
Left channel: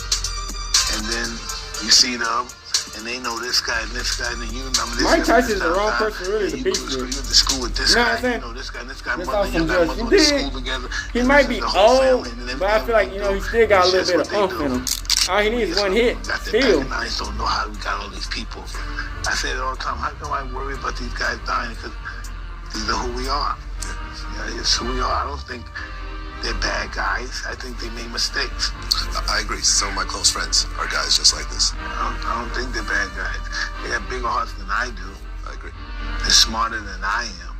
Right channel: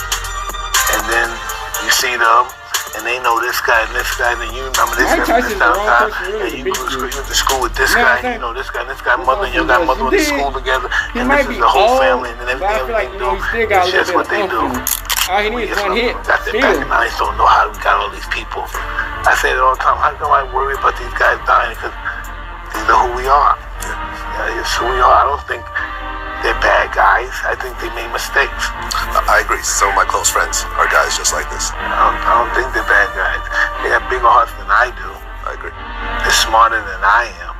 and then you see them, and they know this guy, and then you remember this guy. Mike Tyson's the wrong person really to beat you. You went to school with this guy, you know this guy, mother, you got mother went to school together. He might be old, but I feel like, he still got a little bit of oomph in him. All he needs is one hit. Still. I just don't know how we got all these people. I say it all the time, how come I worry about these guys dying? Because these are who we are. Yeah, it's who we are. I don't think they're bad guys. I think they made mistakes. I agree. Some of my close friends are guys just like this. I don't think they're bad guys. They have bigger hearts than I do. I agree. They're smarter than I am.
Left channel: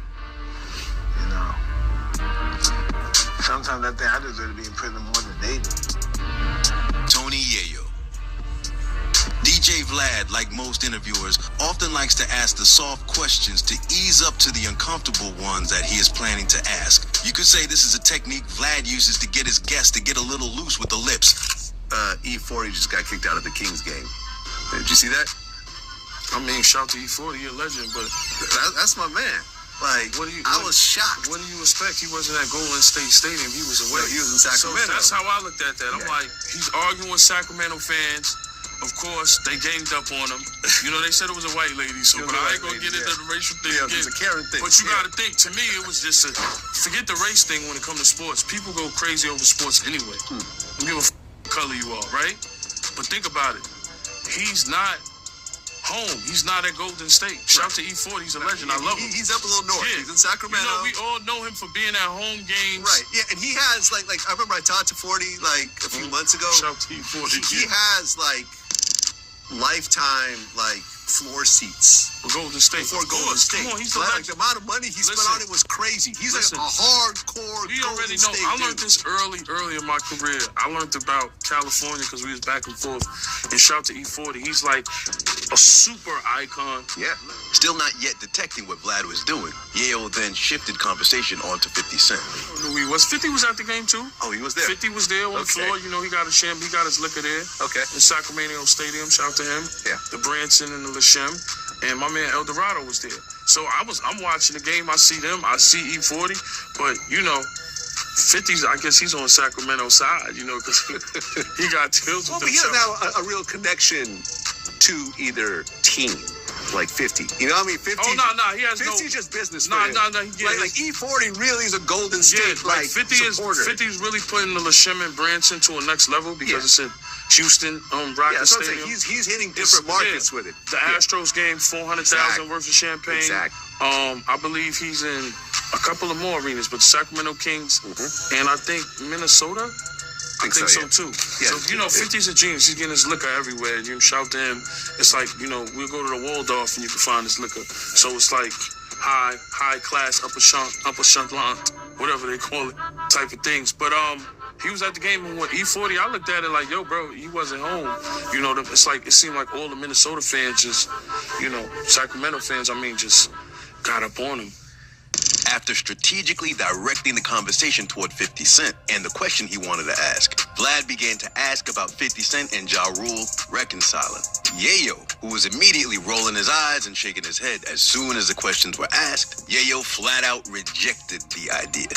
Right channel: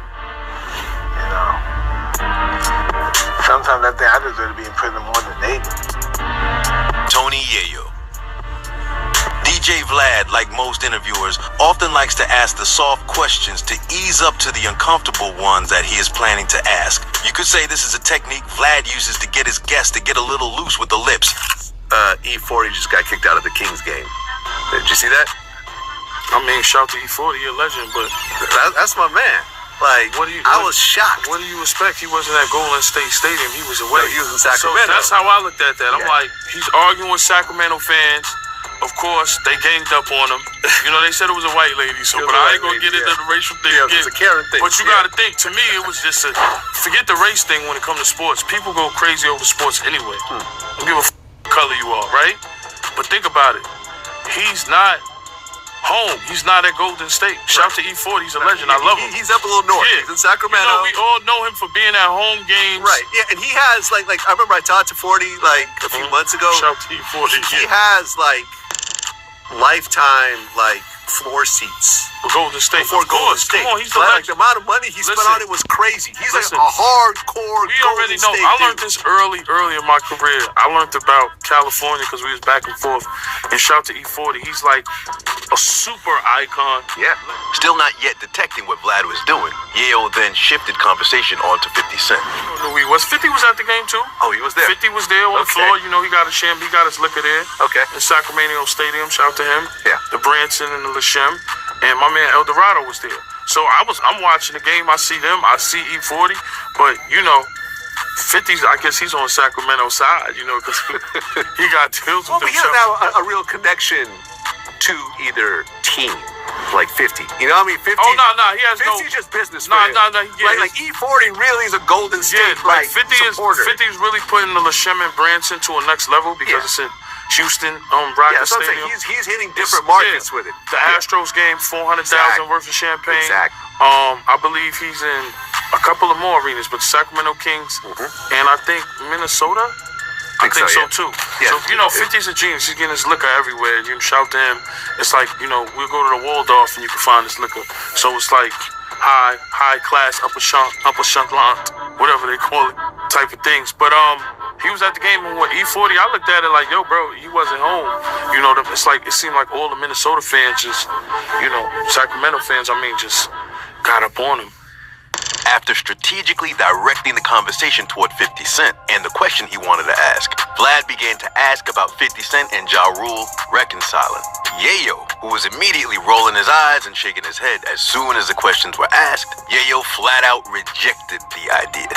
Sometimes I think I deserve to be in prison more than they do. Tony Yayo. DJ Vlad, like most interviewers, often likes to ask the soft questions to ease up to the uncomfortable ones that he is planning to ask. You could say this is a technique Vlad uses to get his guests to get a little loose with the lips. E40 just got kicked out of the Kings game. Did you see that? I mean, shout to E40, you're a legend, but that's my man. Like, I was shocked. What do you expect? He wasn't at Golden State Stadium. He was away. No, he was in Sacramento. So that's how I looked at that. I'm like, he's arguing with Sacramento fans. Of course, they ganged up on him. They said it was a white lady, but I ain't gonna get into the racial thing again. It was a Karen thing. But you gotta think, to me, it was just forget the race thing when it comes to sports. People go crazy over sports anyway. Don't give a color you are, right? But think about it. He's not home. He's not at Golden State. Shout to E40. He's a legend. I love him. He's up a little north. Yeah. He's in Sacramento. We all know him for being at home games. Right. Yeah, and he has like I remember I talked to 40 a few months ago. Shout to E40. He has lifetime floor seats. For Golden State. For Golden State. Come on, he's a legend. The amount of money he spent on it was crazy. He's a hardcore We already know. I learned this early in my career. I learned about California because we was back and forth. And shout to E40. He's like a super icon. Yeah. Still not yet detecting what Vlad was doing, Yayo then shifted conversation onto 50 Cent. I don't know who he was. 50 was at the game too. Oh, he was there. 50 was there on the floor. He got he got his liquor there. Okay. In Sacramento Stadium. Shout to him. Yeah. The Branson and the LaShem. And my man El Dorado was there. So I'm watching the game. I see them. I see E40, but 50's. I guess he's on Sacramento side, because he got deals with but he himself. doesn't have a real connection to either team. Like 50, 50. Oh no, he has 50's just business. No. Yeah, like E40 really is a Golden State. Yeah, like 50's really putting the LeShem and Branson to a next level because it's in Houston, Rocket so Stadium. He's hitting different markets with it. The Astros game, 400,000 worth of champagne. Exactly. I believe he's in a couple of more arenas, but the Sacramento Kings and I think Minnesota. I think so too. Yeah. So 50's a genius. He's getting his liquor everywhere. You can shout to him. It's like we'll go to the Waldorf and you can find his liquor. So it's like high class, upper echelon, whatever they call it, type of things. But he was at the game on E40. I looked at it like, yo, bro, he wasn't home. It's like it seemed like all the Minnesota fans just, Sacramento fans, just got up on him. After strategically directing the conversation toward 50 Cent and the question he wanted to ask, Vlad began to ask about 50 Cent and Ja Rule reconciling. Yayo, who was immediately rolling his eyes and shaking his head as soon as the questions were asked, Yayo flat out rejected the idea.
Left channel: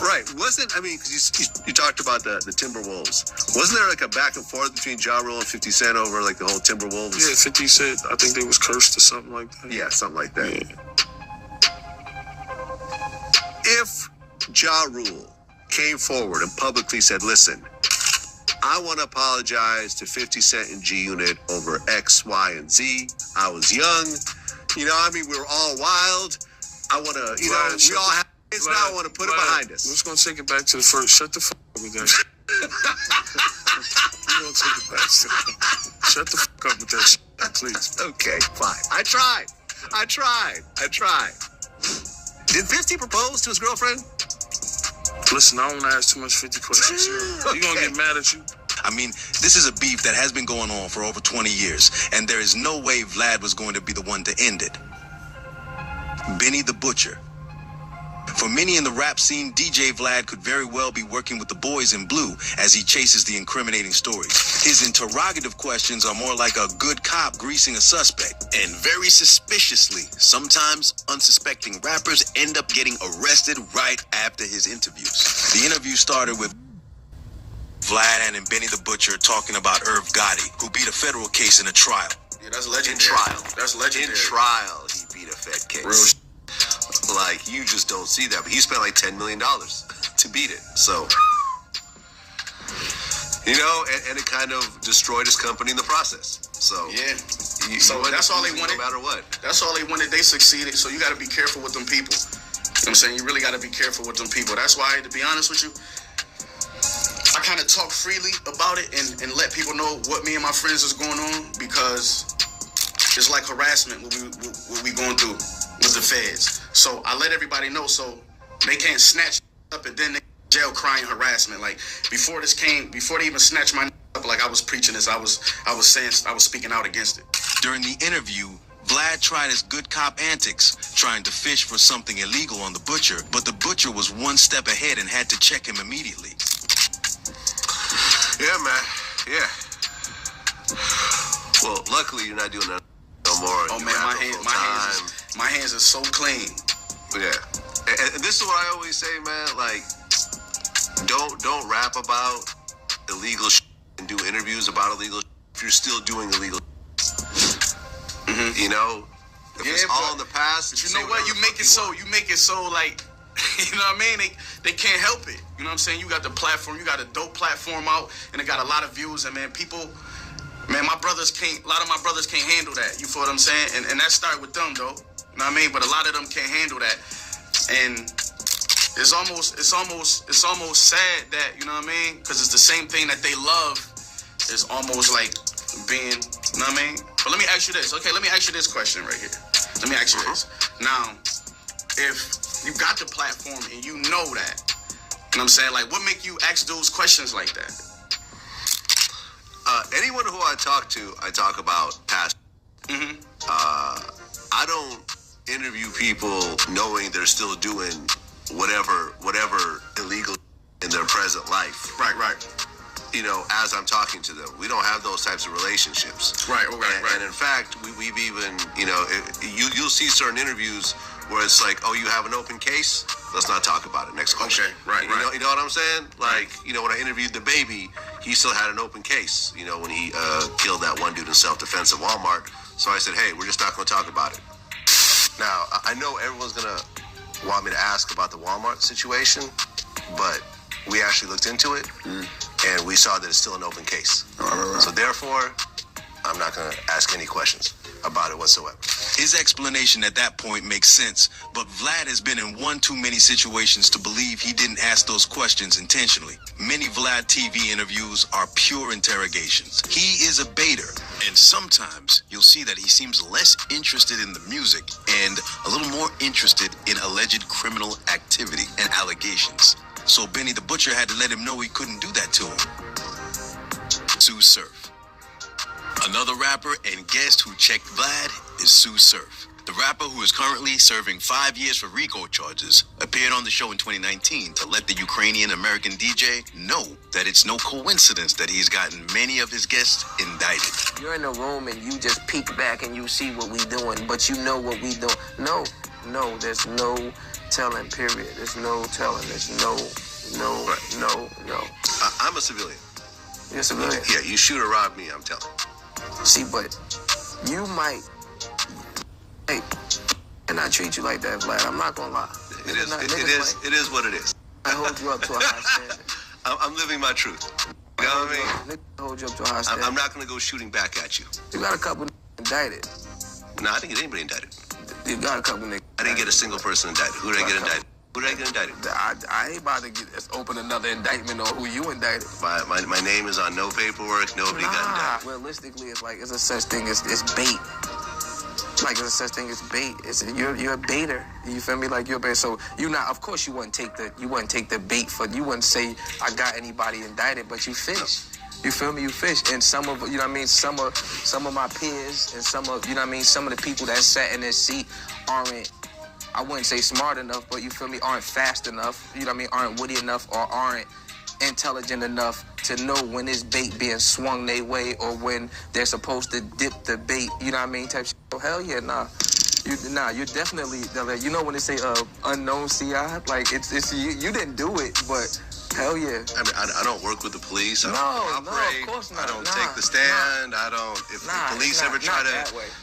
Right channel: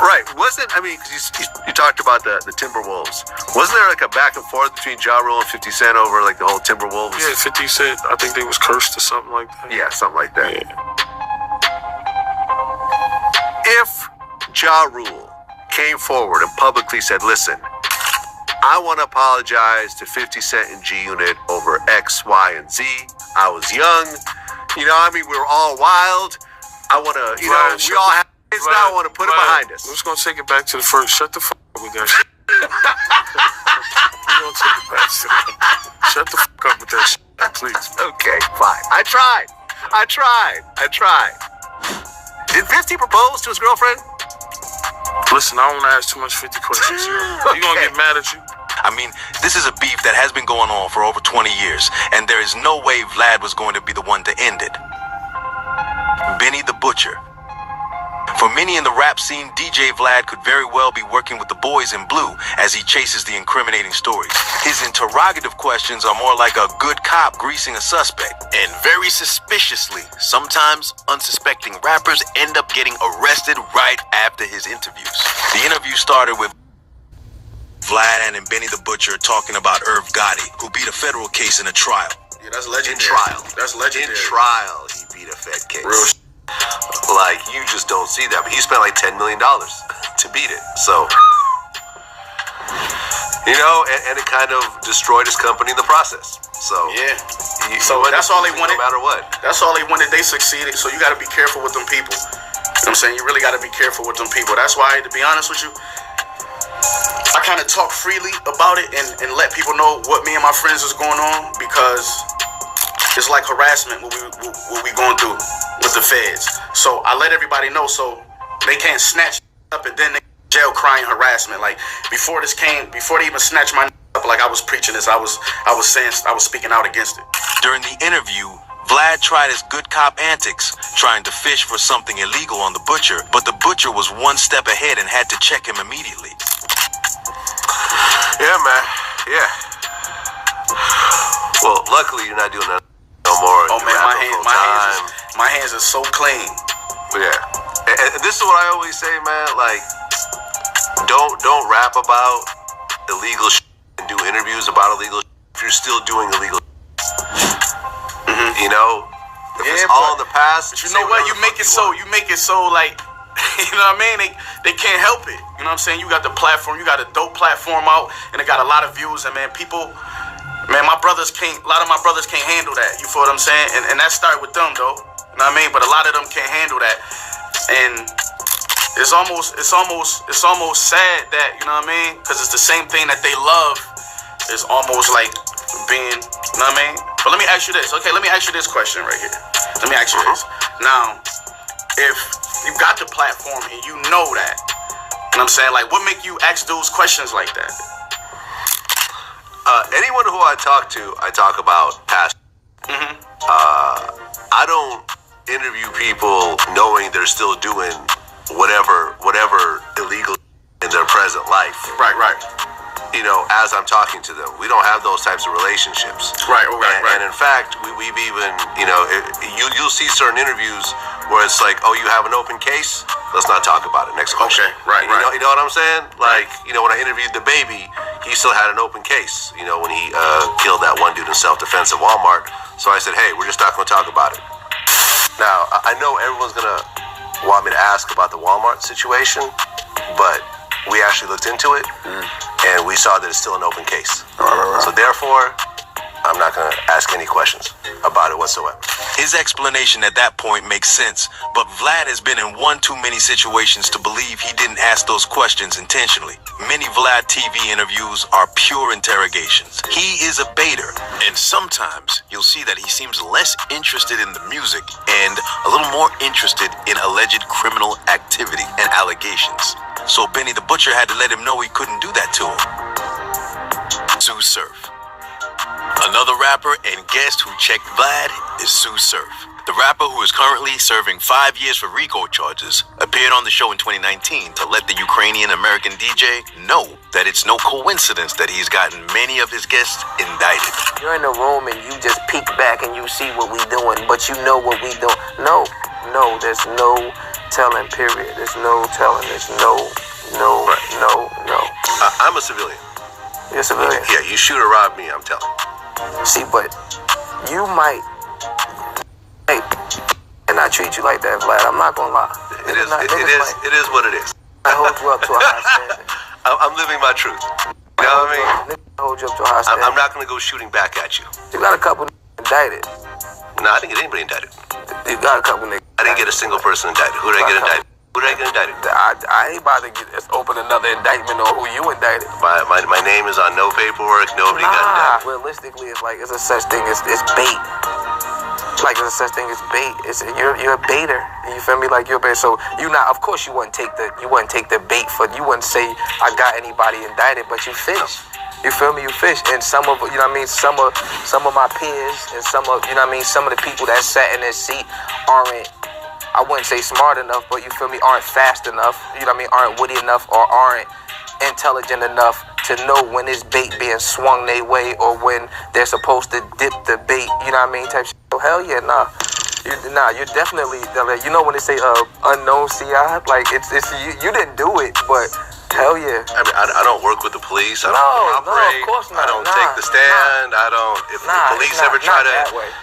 Right. Because you talked about the Timberwolves. Wasn't there like a back and forth between Ja Rule and 50 Cent over like the whole Timberwolves? Yeah, 50 Cent, I think they was cursed or something like that. Yeah, something like that. Yeah. If Ja Rule came forward and publicly said, listen, I want to apologize to 50 Cent and G Unit over X, Y, and Z. I was young. We were all wild. I want to, we all have kids now. I want to put it behind us. I'm just going to take it back to the first. Shut the fuck up with that shit. We're going to take it back to the Shut the fuck up with that shit, please. Okay, fine. I tried. Did 50 propose to his girlfriend? Listen, I don't want to ask too much 50 questions. He's going to get mad at you. This is a beef that has been going on for over 20 years, and there is no way Vlad was going to be the one to end it. Benny the Butcher. For many in the rap scene, DJ Vlad could very well be working with the boys in blue as he chases the incriminating stories. His interrogative questions are more like a good cop greasing a suspect. And very suspiciously, sometimes unsuspecting rappers end up getting arrested right after his interviews. The interview started with Vlad and Benny the Butcher talking about Irv Gotti, who beat a federal case in a trial. Yeah, that's legendary. In trial. That's legendary. In trial, he beat a Fed case. Real Like, you just don't see that. But he spent like $10 million to beat it. So, and it kind of destroyed his company in the process. So, yeah. So that's all they wanted. No matter what. That's all they wanted. They succeeded. So you got to be careful with them people. You know what I'm saying? You really got to be careful with them people. That's why, to be honest with you, I kind of talk freely about it and let people know what me and my friends is going on, because it's like harassment what we going through with the feds. So I let everybody know so they can't snatch up and then they jail crying harassment. Like before they even snatched my up, like I was preaching this, I was speaking out against it. During the interview, Vlad tried his good cop antics, trying to fish for something illegal on the Butcher, but the Butcher was one step ahead and had to check him immediately. Yeah, man. Yeah. Well, luckily you're not doing that no more. Oh man, my hands are so clean. Yeah. And this is what I always say, man. Like, don't rap about illegal shit and do interviews about illegal shit if you're still doing illegal shit. If it's all in the past. But you know what? You make it so like, you know what I mean? They can't help it. You know what I'm saying? You got the platform, you got a dope platform out, and it got a lot of views. And man, a lot of my brothers can't handle that. You feel what I'm saying? And that started with them though. You know what I mean? But a lot of them can't handle that. And it's almost sad that, you know what I mean? Because it's the same thing that they love. It's almost like being, you know what I mean? But let me ask you this. Okay, let me ask you this question right here. Let me ask you this. Now, if you got the platform and you know that, you know what I'm saying? Like, what make you ask those questions like that? Anyone who I talk about past. I don't interview people knowing they're still doing whatever illegal in their present life. Right. as I'm talking to them. We don't have those types of relationships. Right. And in fact, we've even, you'll see certain interviews where it's like, oh, you have an open case? Let's not talk about it. Next question. Okay, right. You know what I'm saying? Like, when I interviewed the baby, he still had an open case, when he killed that one dude in self-defense at Walmart. So I said, hey, we're just not going to talk about it. Now, I know everyone's going to want me to ask about the Walmart situation, but we actually looked into it, and we saw that it's still an open case. Right. So therefore, I'm not going to ask any questions about it whatsoever. His explanation at that point makes sense, but Vlad has been in one too many situations to believe he didn't ask those questions intentionally. Many Vladtv interviews are pure interrogations. He is a baiter, and sometimes you'll see that he seems less interested in the music and a little more interested in alleged criminal activity and allegations. So Benny the Butcher had to let him know he couldn't do that to him. Sue Surf. Another rapper and guest who checked Vlad is Sue Surf. The rapper, who is currently serving 5 years for RICO charges, appeared on the show in 2019 to let the Ukrainian-American DJ know that it's no coincidence that he's gotten many of his guests indicted. You're in a room and you just peek back and you see what we doing, but you know what we doing. No, there's no telling, period. There's no telling. There's no. I'm a civilian. You're a civilian? Yeah, you shoot or rob me, I'm telling. See, but you might, and I treat you like that, Vlad. I'm not gonna lie. It is what it is. I hold you up to a high standard. I'm living my truth. You know what I mean? I hold you up to a high standard. I'm not gonna go shooting back at you. You got a couple indicted. No, I didn't get anybody indicted. You got a couple niggas. I didn't get a single person indicted. Who did I get indicted? I ain't about to open another indictment on who you indicted. My name is on no paperwork. Nobody got indicted. Realistically, it's like it's a such thing as bait. Like there's a such thing as bait. You're a baiter. You feel me? Like you're a baiter. So you not. Of course, you wouldn't take the bait for. You wouldn't say I got anybody indicted, but you fish. You feel me? You fish, and some of some of my peers and some of some of the people that sat in this seat aren't. I wouldn't say smart enough, but you feel me, aren't fast enough, aren't witty enough or aren't intelligent enough to know when it's bait being swung their way or when they're supposed to dip the bait, type shit. So hell yeah, nah. You're definitely, when they say unknown CI, like it's you didn't do it, but hell yeah. I mean, I don't work with the police. I don't No, cooperate. of course not. I don't take the stand. I don't. If the police ever try to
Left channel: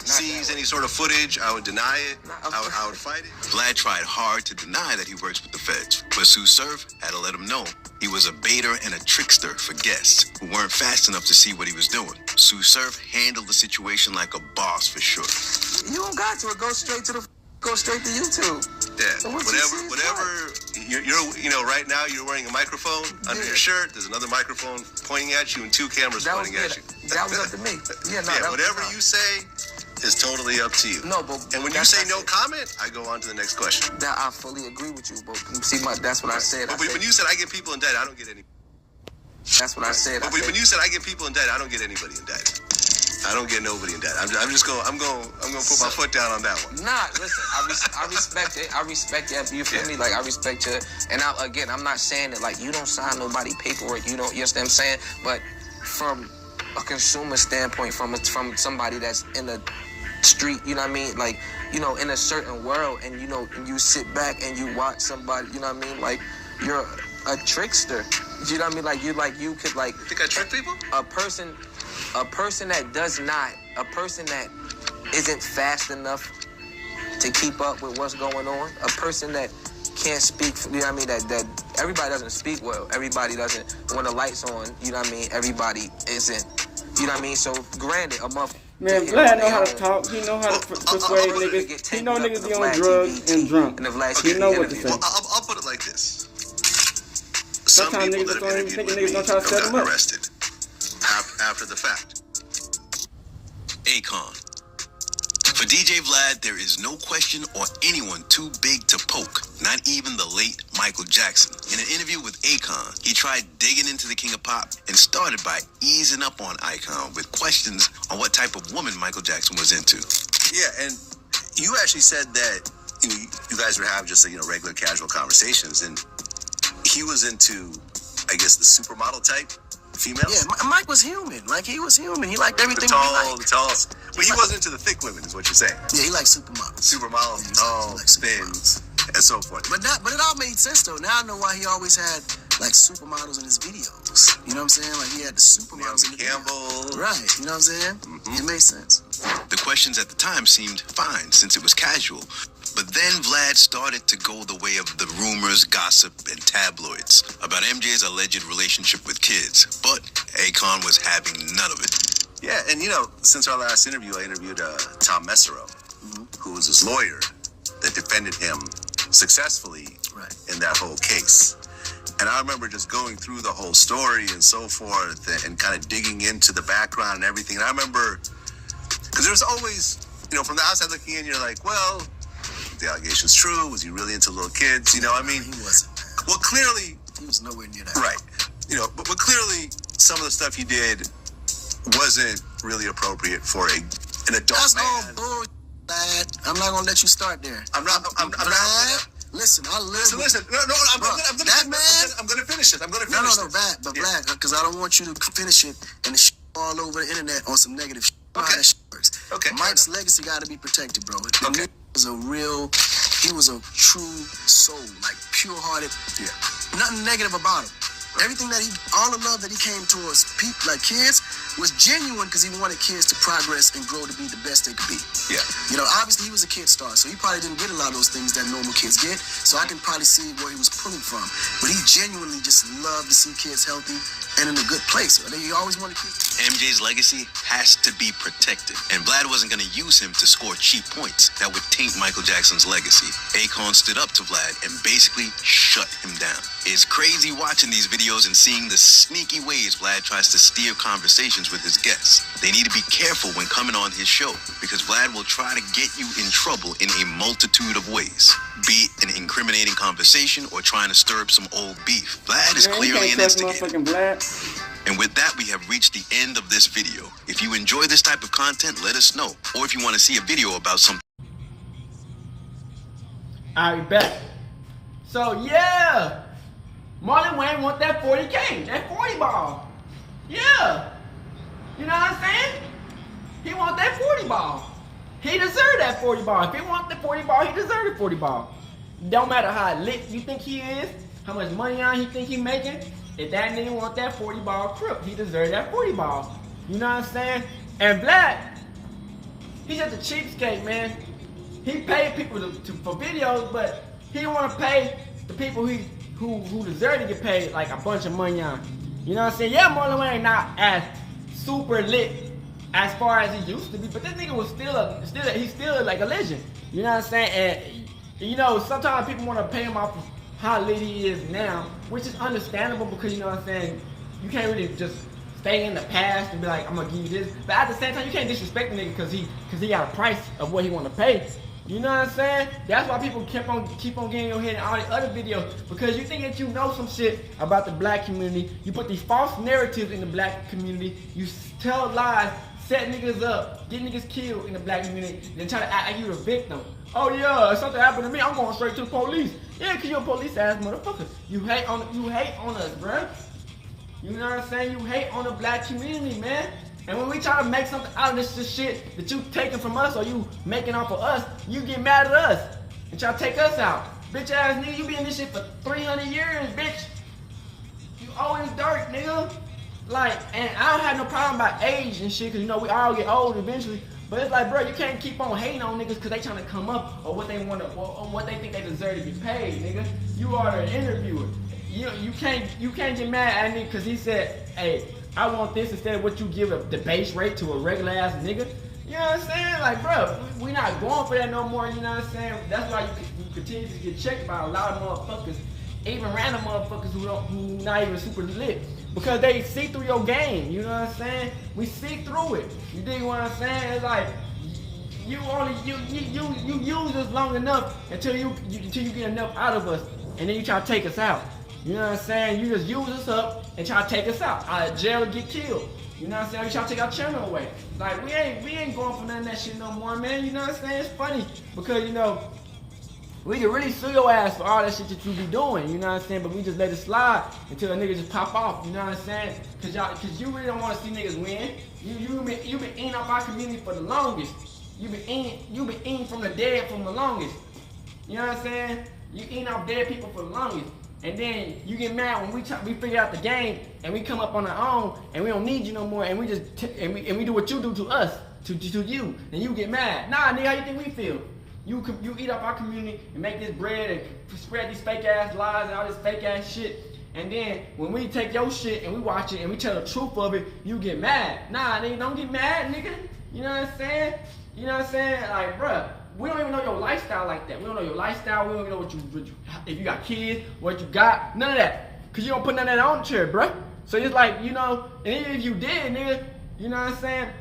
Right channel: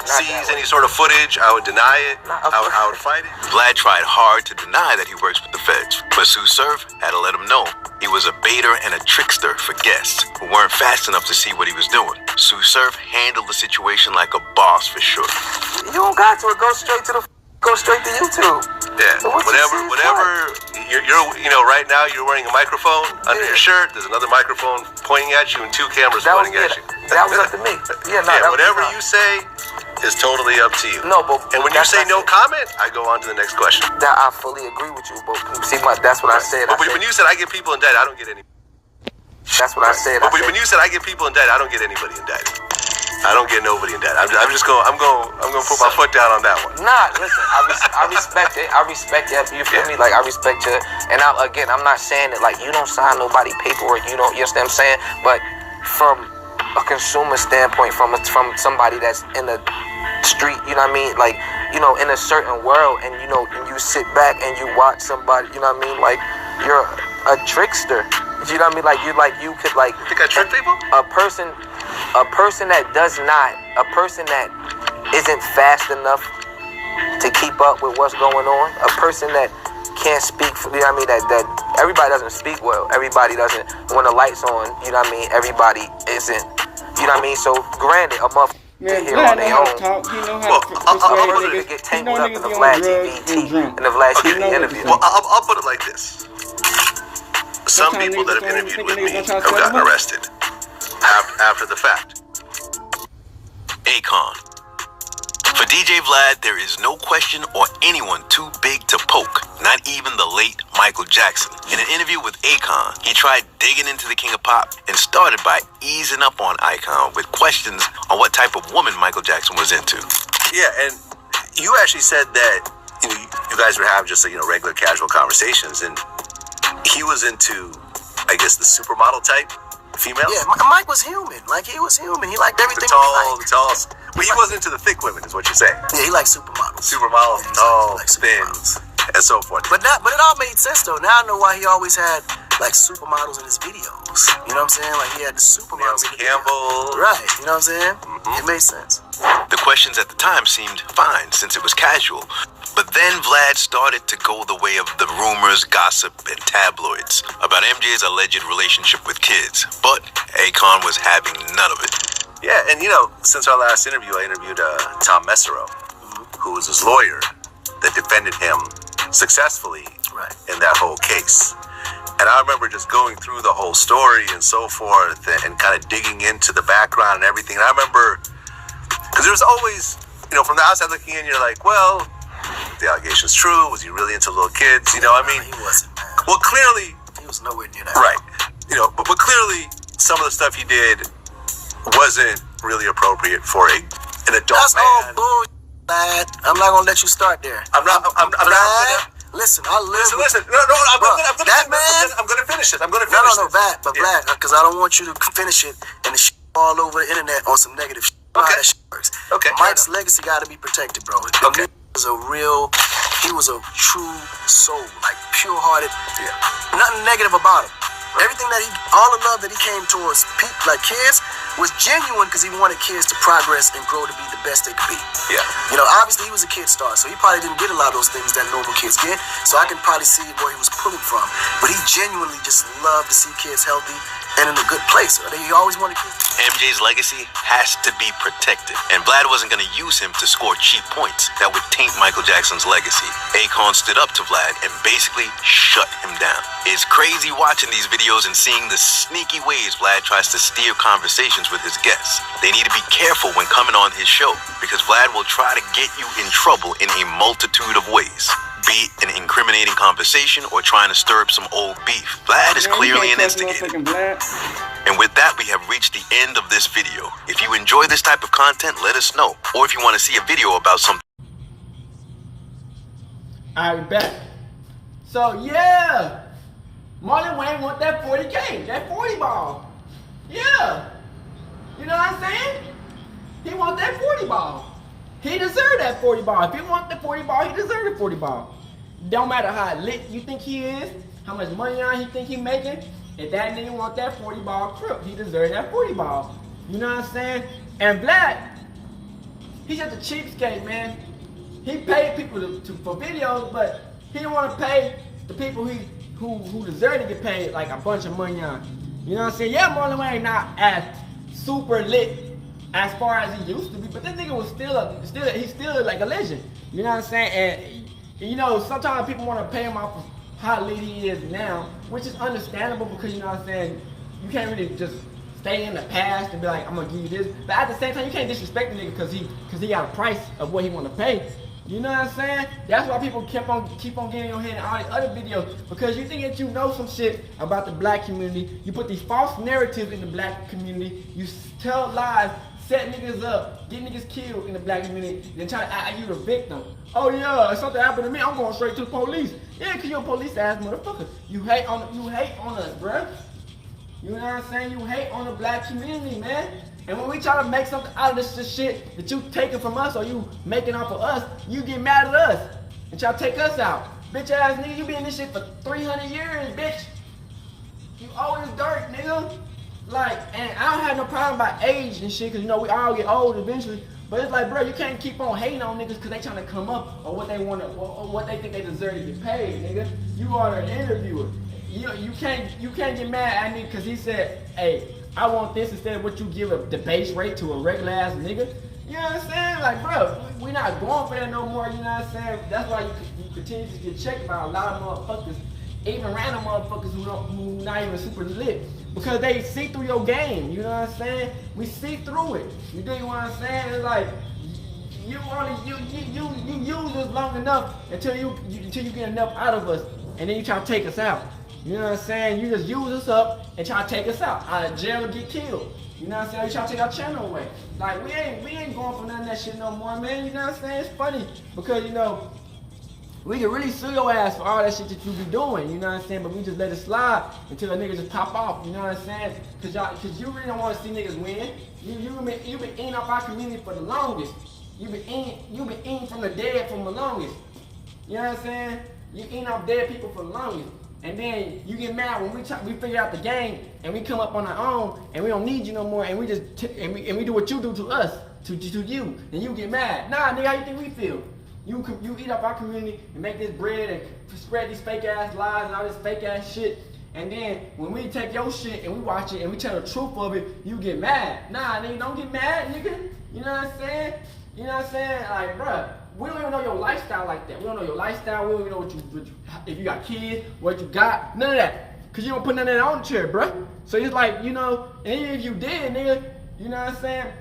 seize any sort of footage, I would deny it. I would fight it. Vlad tried hard to deny that he works with the feds, but Sue Surf had to let him know he was a baiter and a trickster for guests who weren't fast enough to see what he was doing. Sue Surf handled the situation like a boss for sure. You don't got to go straight to YouTube. Yeah, so whatever. You're right now you're wearing a microphone under your shirt. There's another microphone pointing at you and two cameras pointing at you. That was up to me. Whatever you say is totally up to you. No, but and when you say no comment, I go on to the next question. That I fully agree with you, but see, that's what I said. But when you said I get people indicted, I don't get any. That's what I said. But when you said I get people indicted, I don't get anybody indicted. I don't get nobody indicted. I'm going to put my foot down on that one. Nah, listen, I respect it. I respect it. You feel me? Like I respect you. And I'm not saying that like you don't sign nobody paperwork. You don't. You understand what I'm saying? But from a consumer standpoint, from somebody that's in the street, you know what I mean? Like, in a certain world, and and you sit back and you watch somebody, you know what I mean? Like you're a trickster. You know what I mean? Like you could like. You think I trick people? A person that isn't fast enough to keep up with what's going on, a person that can't speak, that everybody doesn't speak well, everybody doesn't, when the light's on, everybody isn't, so granted, a motherfucker. Man, Vlad know how to talk. He know how to persuade niggas. He know niggas be on drugs and drunk. Okay, he know what to say. Well, I'll put it like this. Some people that have interviewed with me have gotten arrested after the fact. Akon. For DJ Vlad, there is no question or anyone too big to poke, not even the late Michael Jackson. In an interview with Akon, he tried digging into the King of Pop and started by easing up on Akon with questions on what type of woman Michael Jackson was into. Yeah, and you actually said that you guys would have just regular casual conversations, and he was into, I guess, the supermodel type. Females? Yeah, Mike was human. Like, he was human. He liked everything The tall. But he like, wasn't into the thick women, is what you're saying. Yeah, he liked supermodels. Supermodels, Yeah, tall, like thin, and so forth. But it all made sense, though. Now I know why he always had, like, supermodels in his videos. You know what I'm saying? Like, he had the supermodels in the Campbell. videos. Right. You know what I'm saying? Mm-hmm. It made sense. The questions at the time seemed fine since it was casual. But then Vlad started to go the way of the rumors, gossip, and tabloids about MJ's alleged relationship with kids. But Akon was having none of it. Yeah, and since our last interview, I interviewed Tom Messero, who was his lawyer that defended him successfully in that whole case. And I remember just going through the whole story and so forth and kind of digging into the background and everything. And I remember, because there was always, from the outside looking in, you're like, well, the allegation's true. Was he really into little kids? He wasn't, man. Well, clearly. He was nowhere near that. Right. But clearly some of the stuff he did wasn't really appropriate for an adult That's man. All bull, Vlad. I'm not going to let you start there. I'm not Listen, I live. Listen. No, I'm going to finish it. I'm going to finish No, Vlad, because I don't want you to finish it and the shit all over the internet on some negative shit. Okay. How that shit works. Okay. Mike's legacy got to be protected, bro. Okay. He was a true soul, like pure-hearted. Yeah. Nothing negative about him. Everything all the love that he came towards people, like kids, was genuine because he wanted kids to progress and grow to be the best they could be. Yeah. Obviously he was a kid star, so he probably didn't get a lot of those things that normal kids get. So I can probably see where he was pulling from. But he genuinely just loved to see kids healthy and in a good place. He always wanted kids. MJ's legacy has to be protected, and Vlad wasn't going to use him to score cheap points that would taint Michael Jackson's legacy. Akon stood up to Vlad and basically shut him down. It's crazy watching these videos and seeing the sneaky ways Vlad tries to steer conversations with his guests. They need to be careful when coming on his show, because Vlad will try to get you in trouble in a multitude of ways. Be it an incriminating conversation or trying to stir up some old beef. Vlad is clearly an instigator. And with that, we have reached the end of this video. If you enjoy this type of content, let us know. Or if you want to see a video about something. Alright, back. So, yeah. Marlon Wayne want that 40K. That 40 ball. Yeah. You know what I'm saying? He want that 40 ball. He deserve that 40 ball. If he want the 40 ball, he deserve the 40 ball. Don't matter how lit you think he is, how much money on he think he making. If that nigga want that 40 ball crook, he deserve that 40 ball. You know what I'm saying? And Vlad, he's just a cheapskate, man. He paid people for videos, but he don't want to pay the people who deserve to get paid like a bunch of money on. You know what I'm saying? Yeah, Marlon Wayne not as super lit as far as he used to be, but this nigga was he's still like a legend. You know what I'm saying? And sometimes people want to pay him off of how lit he is now, which is understandable because, you know what I'm saying, you can't really just stay in the past and be like, I'm gonna give you this. But at the same time, you can't disrespect the nigga because he got a price of what he want to pay. You know what I'm saying? That's why people keep on getting your head in all the other videos, because you think that you know some shit about the black community. You put these false narratives in the black community. You tell lies, set niggas up, get niggas killed in the black community, then try to act like you the victim. Oh yeah, if something happened to me, I'm going straight to the police. Yeah, cause you're a police ass motherfucker. You hate on us, bruh. You know what I'm saying? You hate on the black community, man. And when we try to make something out of this shit that you taking from us or you making off of us, you get mad at us and try to take us out. Bitch ass nigga, you be in this shit for 300 years, bitch. You always dirt, nigga. Like, and I don't have no problem about age and shit, cause we all get old eventually. But it's like, bro, you can't keep on hating on niggas cause they trying to come up or what they want to, or what they think they deserve to get paid, nigga. You are an interviewer. You can't get mad at me cause he said, hey, I want this instead of what you give the base rate to a regular ass nigga. You know what I'm saying? Like, bro, we not going for that no more. You know what I'm saying? That's why you continue to get checked by a lot of motherfuckers, even random motherfuckers who not even super lit, because they see through your game. You know what I'm saying? We see through it. You dig what I'm saying? It's like you use us long enough until you get enough out of us, and then you try to take us out. You know what I'm saying? You just use us up and try to take us out of jail and get killed. You know what I'm saying? You try to take our channel away. Like, we ain't going for none of that shit no more, man. You know what I'm saying? It's funny because, We can really sue your ass for all that shit that you be doing, you know what I'm saying? But we just let it slide until a nigga just pop off, you know what I'm saying? Cause you really don't want to see niggas win. You been eating up our community for the longest. You been eating from the dead for the longest. You know what I'm saying? You eating up dead people for the longest. And then you get mad when we figure out the game and we come up on our own and we don't need you no more and we do what you do to us, to you, and you get mad. Nah, nigga, how you think we feel? You eat up our community and make this bread and spread these fake ass lies and all this fake ass shit. And then when we take your shit and we watch it and we tell the truth of it, you get mad. Nah, nigga, don't get mad, nigga. You know what I'm saying? You know what I'm saying? Like, bruh, we don't even know your lifestyle like that. We don't know your lifestyle. We don't even know what you if you got kids, what you got, none of that. Cause you don't put none of that on the chair, bruh. So it's like, you know, and even if you did, nigga, you know what I'm saying?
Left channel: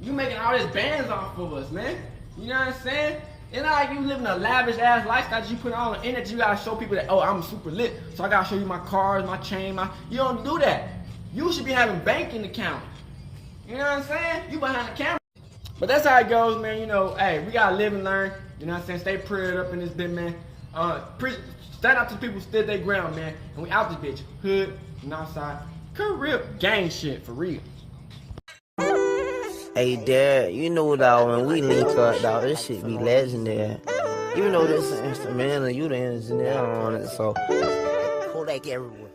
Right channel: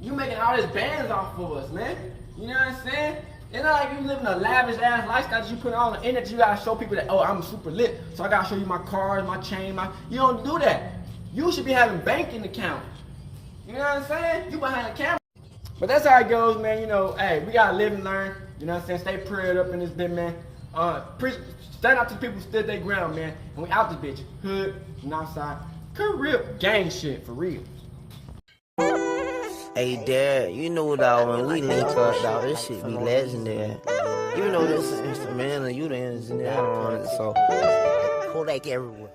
You making all this bands off of us, man. You know what I'm saying? It's not like you living a lavish ass lifestyle that you put on the internet. You gotta show people that, oh, I'm super lit. So I gotta show you my cars, my chain, you don't do that. You should be having banking accounts. You know what I'm saying? You behind the camera. But that's how it goes, man. You know, hey, we gotta live and learn. You know what I'm saying? Stay prayed up in this bit, man. Stand out to people who stood their ground, man. And we out this bitch. Hood and outside. Career gang shit for real. Hey, Dad, you know, dog, when we link up, dog, this shit be legendary. You know this instrumental, you the engineer on it, so Kodak everywhere.